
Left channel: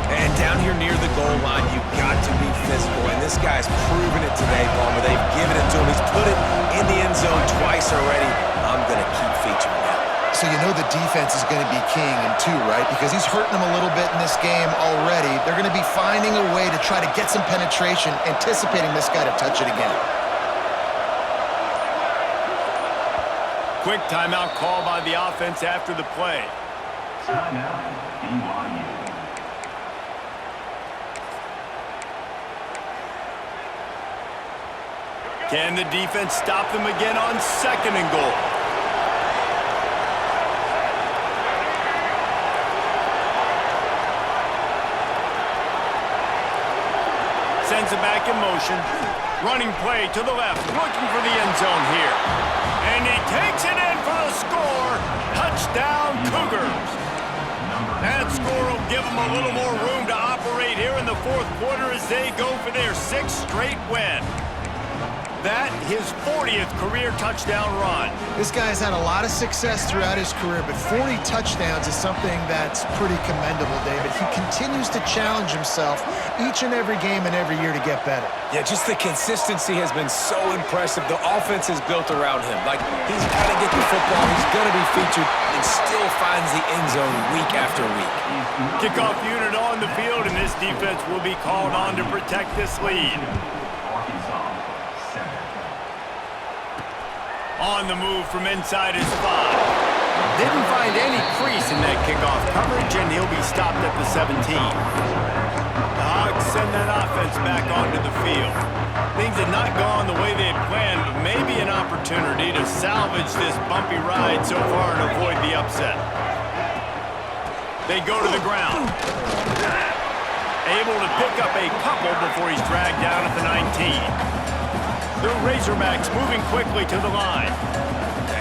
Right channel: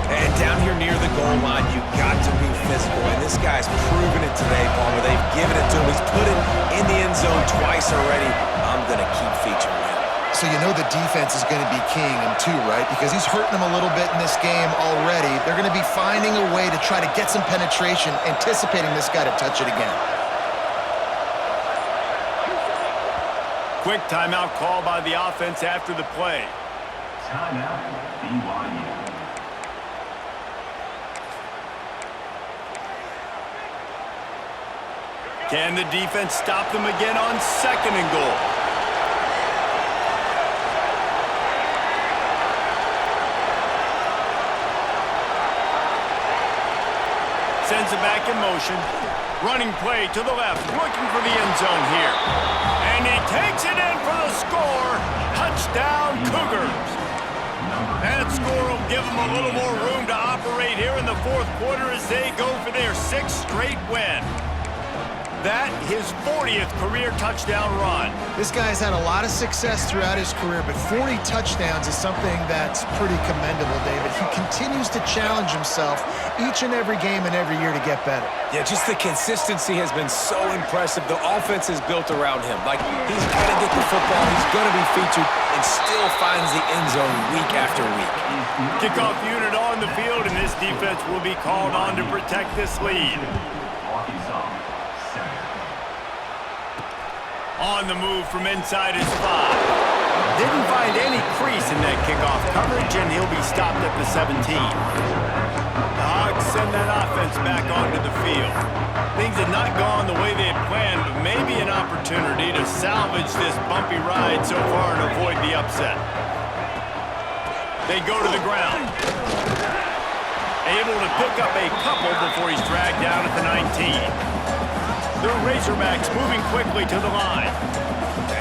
And down here near the goal line, you've got to be physical. And this guy's proven it today, Palmer. They've given it to him. He's put it in the end zone twice already. I'm going to keep featuring him. So you know the defense is going to be keying him too, right? Because he's hurting them a little bit in this game already. They're going to be finding a way to try to get some penetration, anticipating this guy to touch it again. Quick timeout call by the offense after the play. Timeout, BYU. Can the defense stop them again on 2nd and goal? Sends it back in motion. Running play to the left, looking for the end zone here. And he takes it in for the score. Touchdown, Cougars. That score will give them a little more room to operate here in the 4th quarter as they go for their 6th straight win. That, his 40th career touchdown run. This guy's had a lot of success throughout his career, but 40 touchdowns is something that's pretty commendable, David. He continues to challenge himself each and every game and every year to get better. Yeah, just the consistency has been so impressive. The offense is built around him. Like, he's got to get the football. He's going to be featured and still finds the end zone week after week. Kickoff unit on the field, and this defense will be called on to protect this lead. On the move from inside his 5. Didn't find any crease in that kickoff coverage, and he'll be stopped at the 17. The Hogs send that offense back onto the field. Things had not gone the way they had planned, but maybe an opportunity to salvage this bumpy ride so far and avoid the upset. They go to the ground. Able to pick up a couple before he's dragged down at the 19. The Razorbacks moving quickly to the line.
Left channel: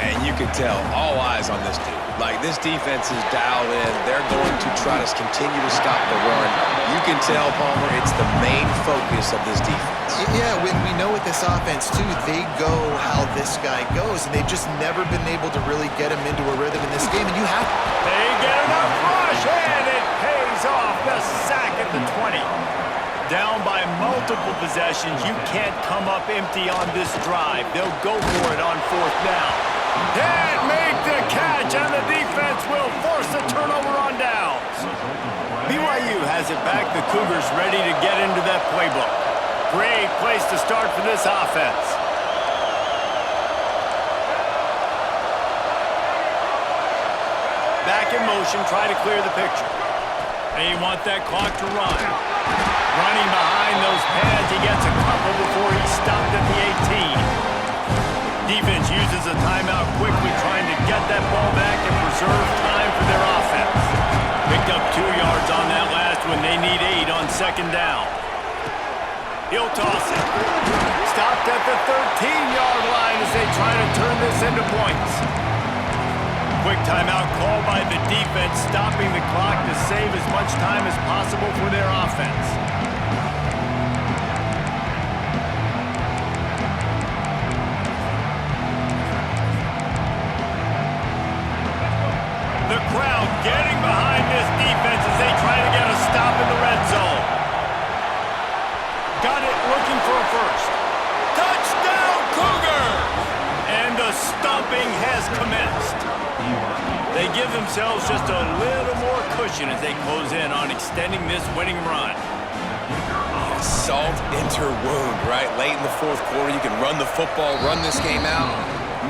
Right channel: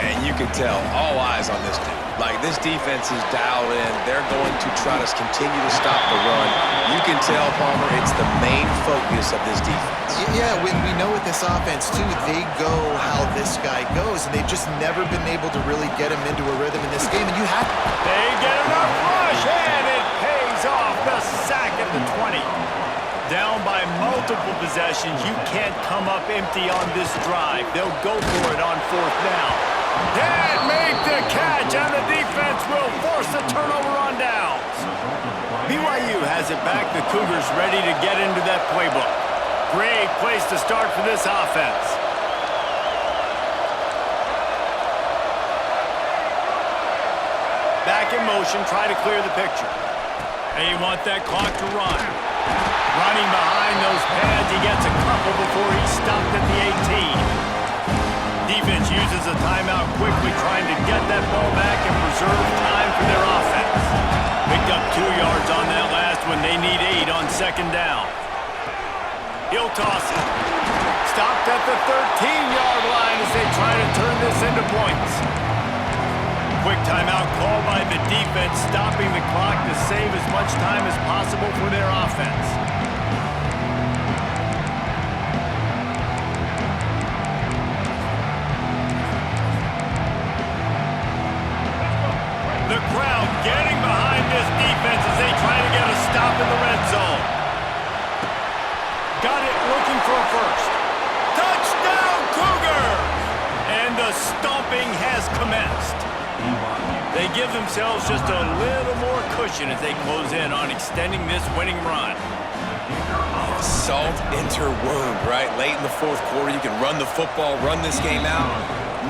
And you can tell, all eyes on this dude. Like, this defense is dialed in. They're going to try to continue to stop the run. You can tell, Palmer, it's the main focus of this defense. Yeah, we know with this offense, too, they go how this guy goes, and they've just never been able to really get him into a rhythm in this game, and you have to. They get enough rush, and it pays off. The sack at the 20. Down by multiple possessions, you can't come up empty on this drive. They'll go for it on 4th down. Can't make the catch, and the defense will force a turnover on downs. BYU has it back. The Cougars ready to get into that playbook. Great place to start for this offense. Back in motion, try to clear the picture. They want that clock to run. Running behind those pads, he gets a couple before he's stopped at the 18. Defense uses a timeout quickly, trying to get that ball back and preserve time for their offense. Picked up 2 yards on that last one. They need 8 on 2nd down. He'll toss it. Stopped at the 13-yard line as they try to turn this into points. Quick timeout call by the defense, stopping the clock to save as much time as possible for their offense. The crowd getting behind this defense as they try to get a stop in the red zone. Got it, looking for a first. Touchdown, Cougars! And the stomping has commenced. They give themselves just a little more cushion as they close in on extending this winning run. Salt into wound, right? Late in the 4th quarter, you can run the football, run this game out.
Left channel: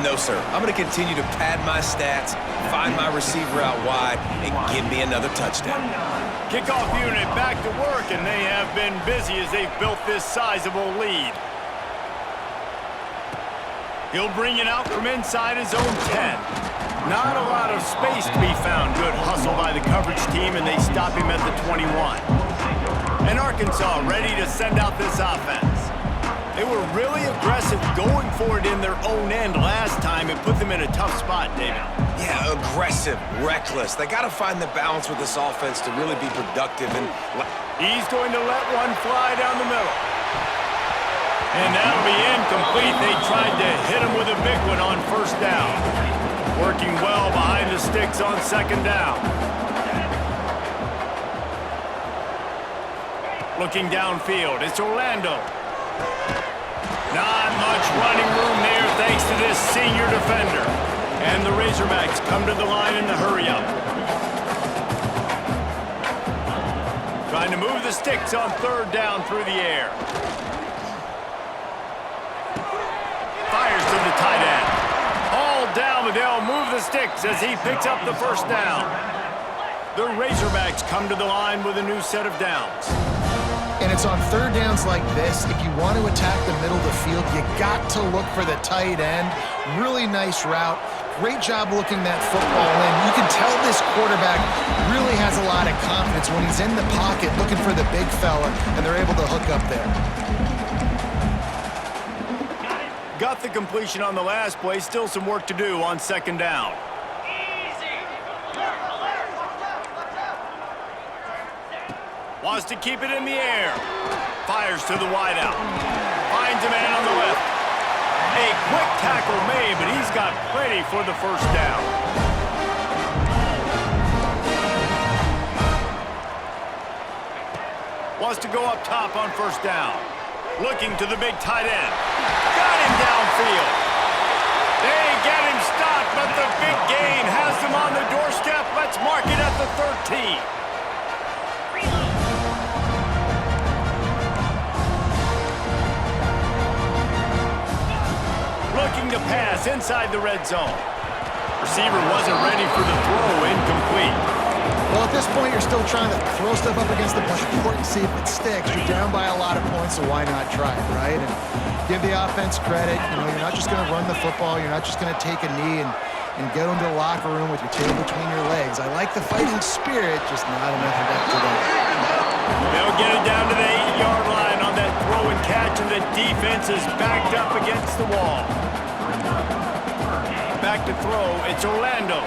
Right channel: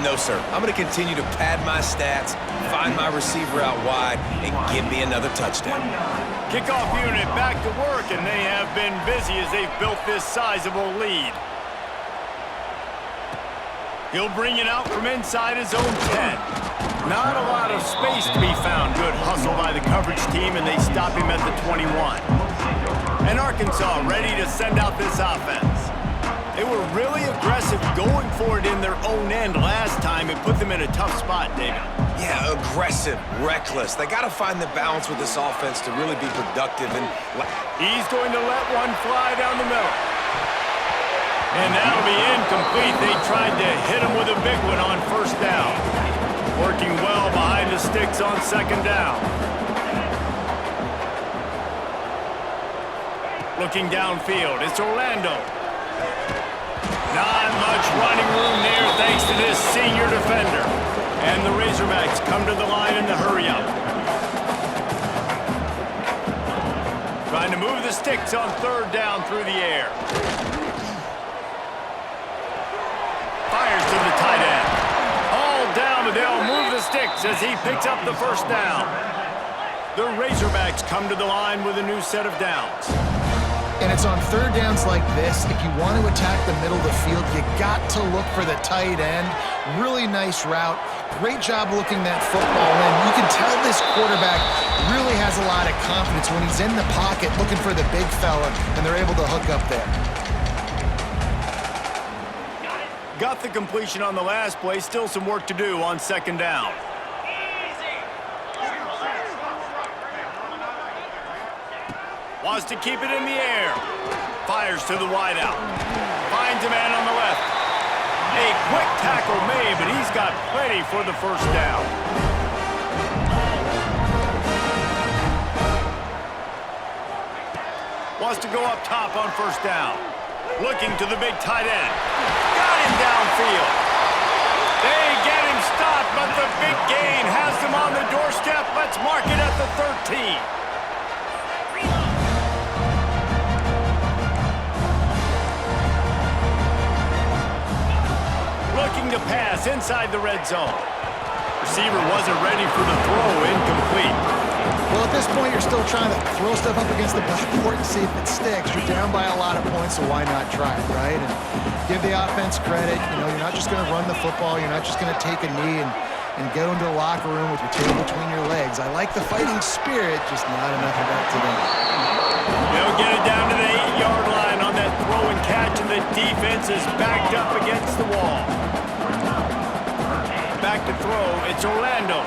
No, sir. I'm going to continue to pad my stats, find my receiver out wide, and give me another touchdown. Kickoff unit back to work, and they have been busy as they've built this sizable lead. He'll bring it out from inside his own 10. Not a lot of space to be found. Good hustle by the coverage team, and they stop him at the 21. And Arkansas ready to send out this offense. They were really aggressive going for it in their own end last time. It put them in a tough spot, David. Yeah, aggressive, reckless. They got to find the balance with this offense to really be productive. And he's going to let one fly down the middle. And that'll be incomplete. They tried to hit him with a big one on 1st down. Working well behind the sticks on 2nd down. Looking downfield, it's Orlando. Not much running room there thanks to this senior defender. And the Razorbacks come to the line in the hurry-up. Trying to move the sticks on 3rd down through the air. Fires to the tight end. All down, but they'll move the sticks as he picks up the 1st down. The Razorbacks come to the line with a new set of downs. And it's on 3rd downs like this, if you want to attack the middle of the field, you got to look for the tight end. Really nice route. Great job looking that football in. You can tell this quarterback really has a lot of confidence when he's in the pocket looking for the big fella, and they're able to hook up there. Got the completion on the last play. Still some work to do on 2nd down. Wants to keep it in the air. Fires to the wideout. Finds a man on the left. A quick tackle made, but he's got plenty for the 1st down. Wants to go up top on 1st down. Looking to the big tight end. Got him downfield. They get him stopped, but the big gain has them on the doorstep. Let's mark it at the 13. Looking to pass inside the red zone. Receiver wasn't ready for the throw, incomplete. Well, at this point, you're still trying to throw stuff up against the backboard and see if it sticks. You're down by a lot of points, so why not try it, right? And give the offense credit. You know, you're not just going to run the football. You're not just going to take a knee and go into the locker room with your tail between your legs. I like the fighting spirit, just not enough of that today. They'll get it down to the 8-yard line on that throw and catch, and the defense is backed up against the wall. Back to throw, it's Orlando.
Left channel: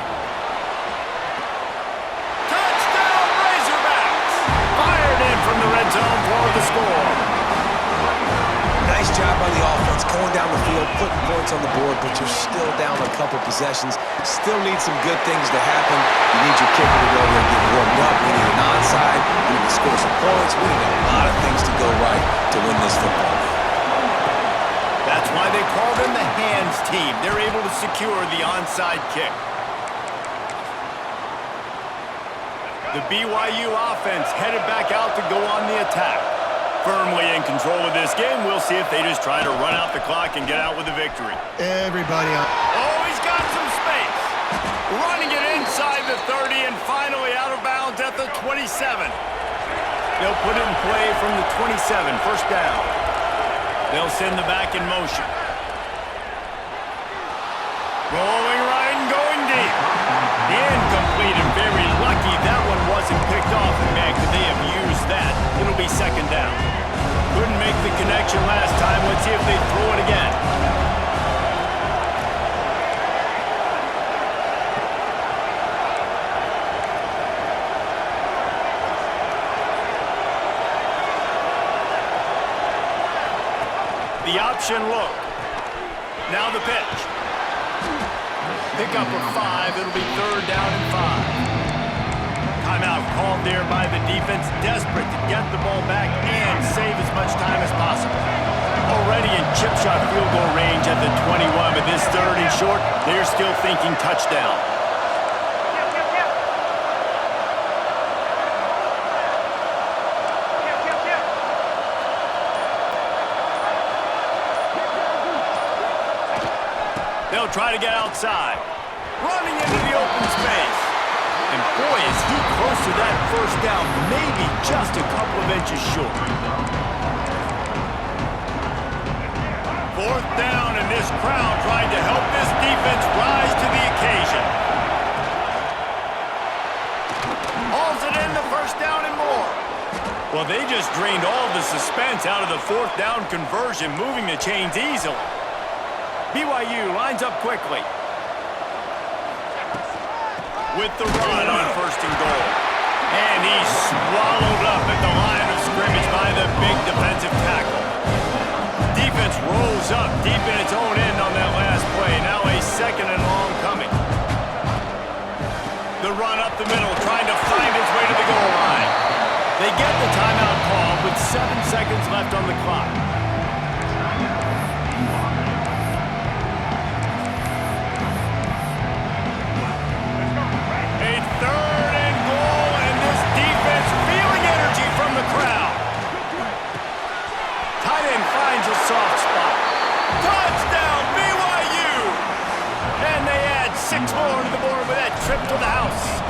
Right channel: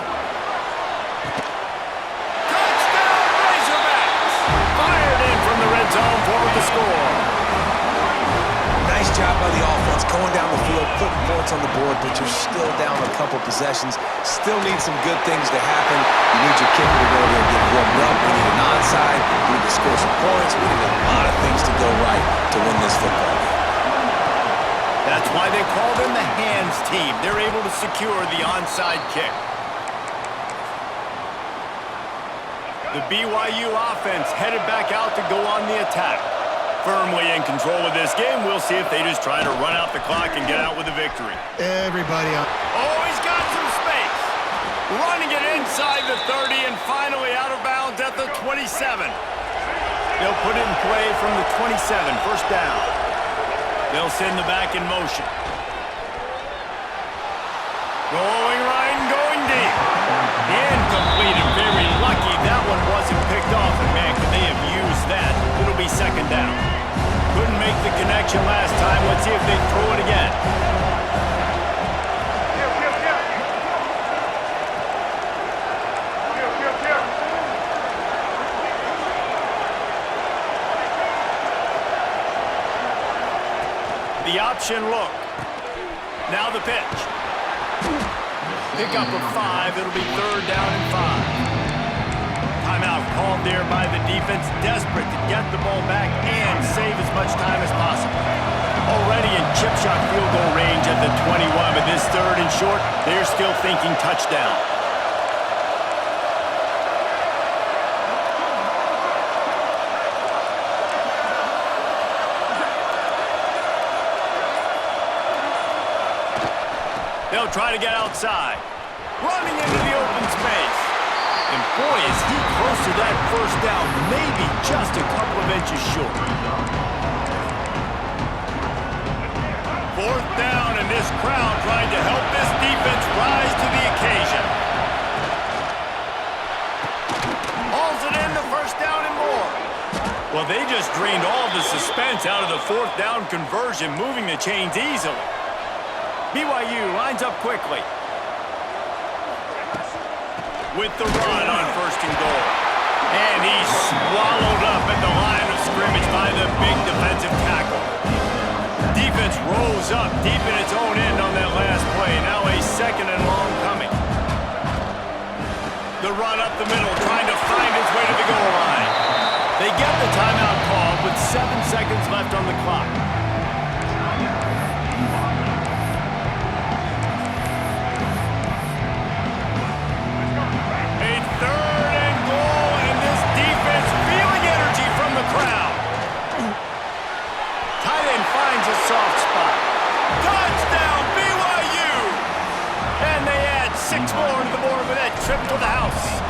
Touchdown, Razorbacks! Fired in from the red zone for the score. Nice job by the offense going down the field, putting points on the board, but you're still down a couple possessions. Still need some good things to happen. You need your kicker to go there and get warmed up. We need an onside. We need to score some points. We need a lot of things to go right to win this football game. That's why they call them the hands team. They're able to secure the onside kick. The BYU offense headed back out to go on the attack. Firmly in control of this game. We'll see if they just try to run out the clock and get out with a victory. Everybody on. Oh, he's got some space. Running it inside the 30 and finally out of bounds at the 27. They'll put it in play from the 27, first down. They'll send the back in motion. Rolling right and going deep. Incomplete and very lucky that one wasn't picked off. And man, could they have used that? It'll be second down. Couldn't make the connection last time. Let's see if they throw it again. The option look. Now the pitch. Pick up of 5. It'll be third down and 5. Timeout called there by the defense, desperate to get the ball back and save as much time as possible. Already in chip shot field goal range at the 21, but this third and short, they're still thinking touchdown. They'll try to get outside. Running into the open space. And boy, is he close to that first down, maybe just a couple of inches short. Fourth down, and this crowd trying to help this defense rise to the occasion. Hauls it in, the first down and more. Well, they just drained all the suspense out of the fourth down conversion, moving the chains easily. BYU lines up quickly. With the run on first and goal. And he's swallowed up at the line of scrimmage by the big defensive tackle. Defense rolls up deep in its own end on that last play. Now a second and long coming. The run up the middle, trying to find his way to the goal line. They get the timeout called with 7 seconds left on the clock. The crowd. Tight end finds a soft spot. Touchdown, BYU! And they add 6 more to the board with that trip to the house.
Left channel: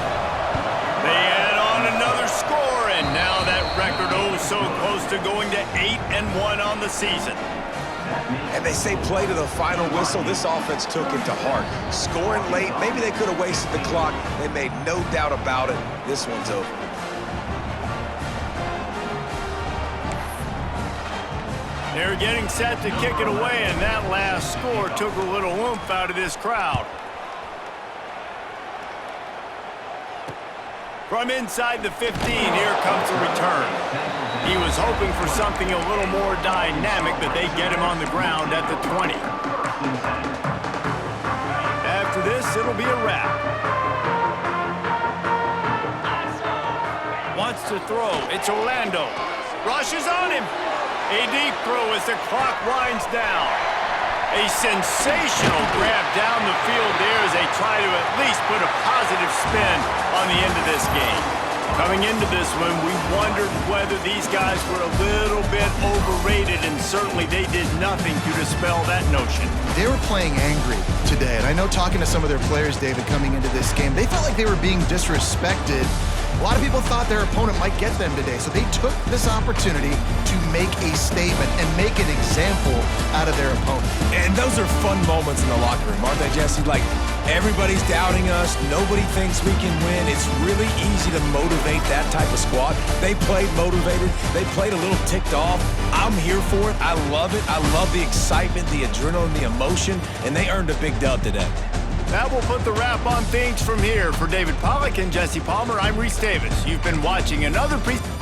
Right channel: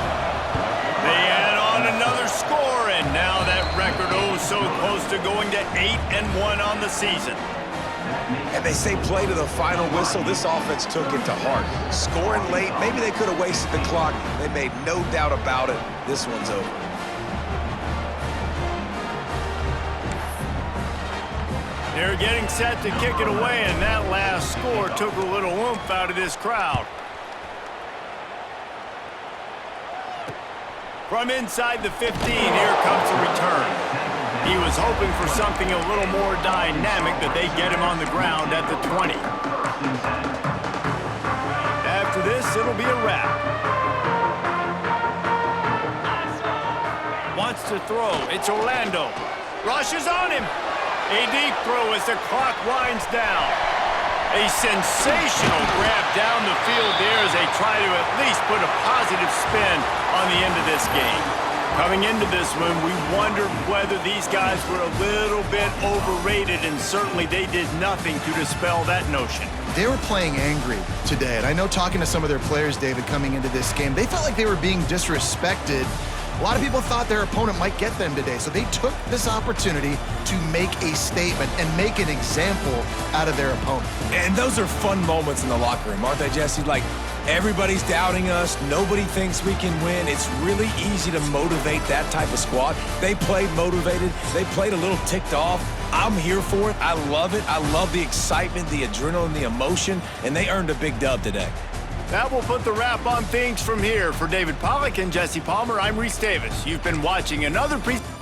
They add on another score, and now that record so close to going to 8-1 on the season. And they say play to the final whistle. This offense took it to heart. Scoring late, maybe they could have wasted the clock. They made no doubt about it. This one's over. They're getting set to kick it away, and that last score took a little oomph out of this crowd. From inside the 15, here comes the return. He was hoping for something a little more dynamic, but they get him on the ground at the 20. After this, it'll be a wrap. Wants to throw. It's Orlando. Rushes on him. A deep throw as the clock winds down. A sensational grab down the field there as they try to at least put a positive spin on the end of this game. Coming into this one, we wondered whether these guys were a little bit overrated, and certainly they did nothing to dispel that notion. They were playing angry today, and I know talking to some of their players, David, coming into this game, they felt like they were being disrespected. A lot of people thought their opponent might get them today, so they took this opportunity to make a statement and make an example out of their opponent. And those are fun moments in the locker room, aren't they, Jesse? Like, everybody's doubting us. Nobody thinks we can win. It's really easy to motivate that type of squad. They played motivated. They played a little ticked off. I'm here for it. I love it. I love the excitement, the adrenaline, the emotion, and they earned a big dub today. That will put the wrap on things from here. For David Pollack and Jesse Palmer, I'm Reese Davis. You've been watching another presentation.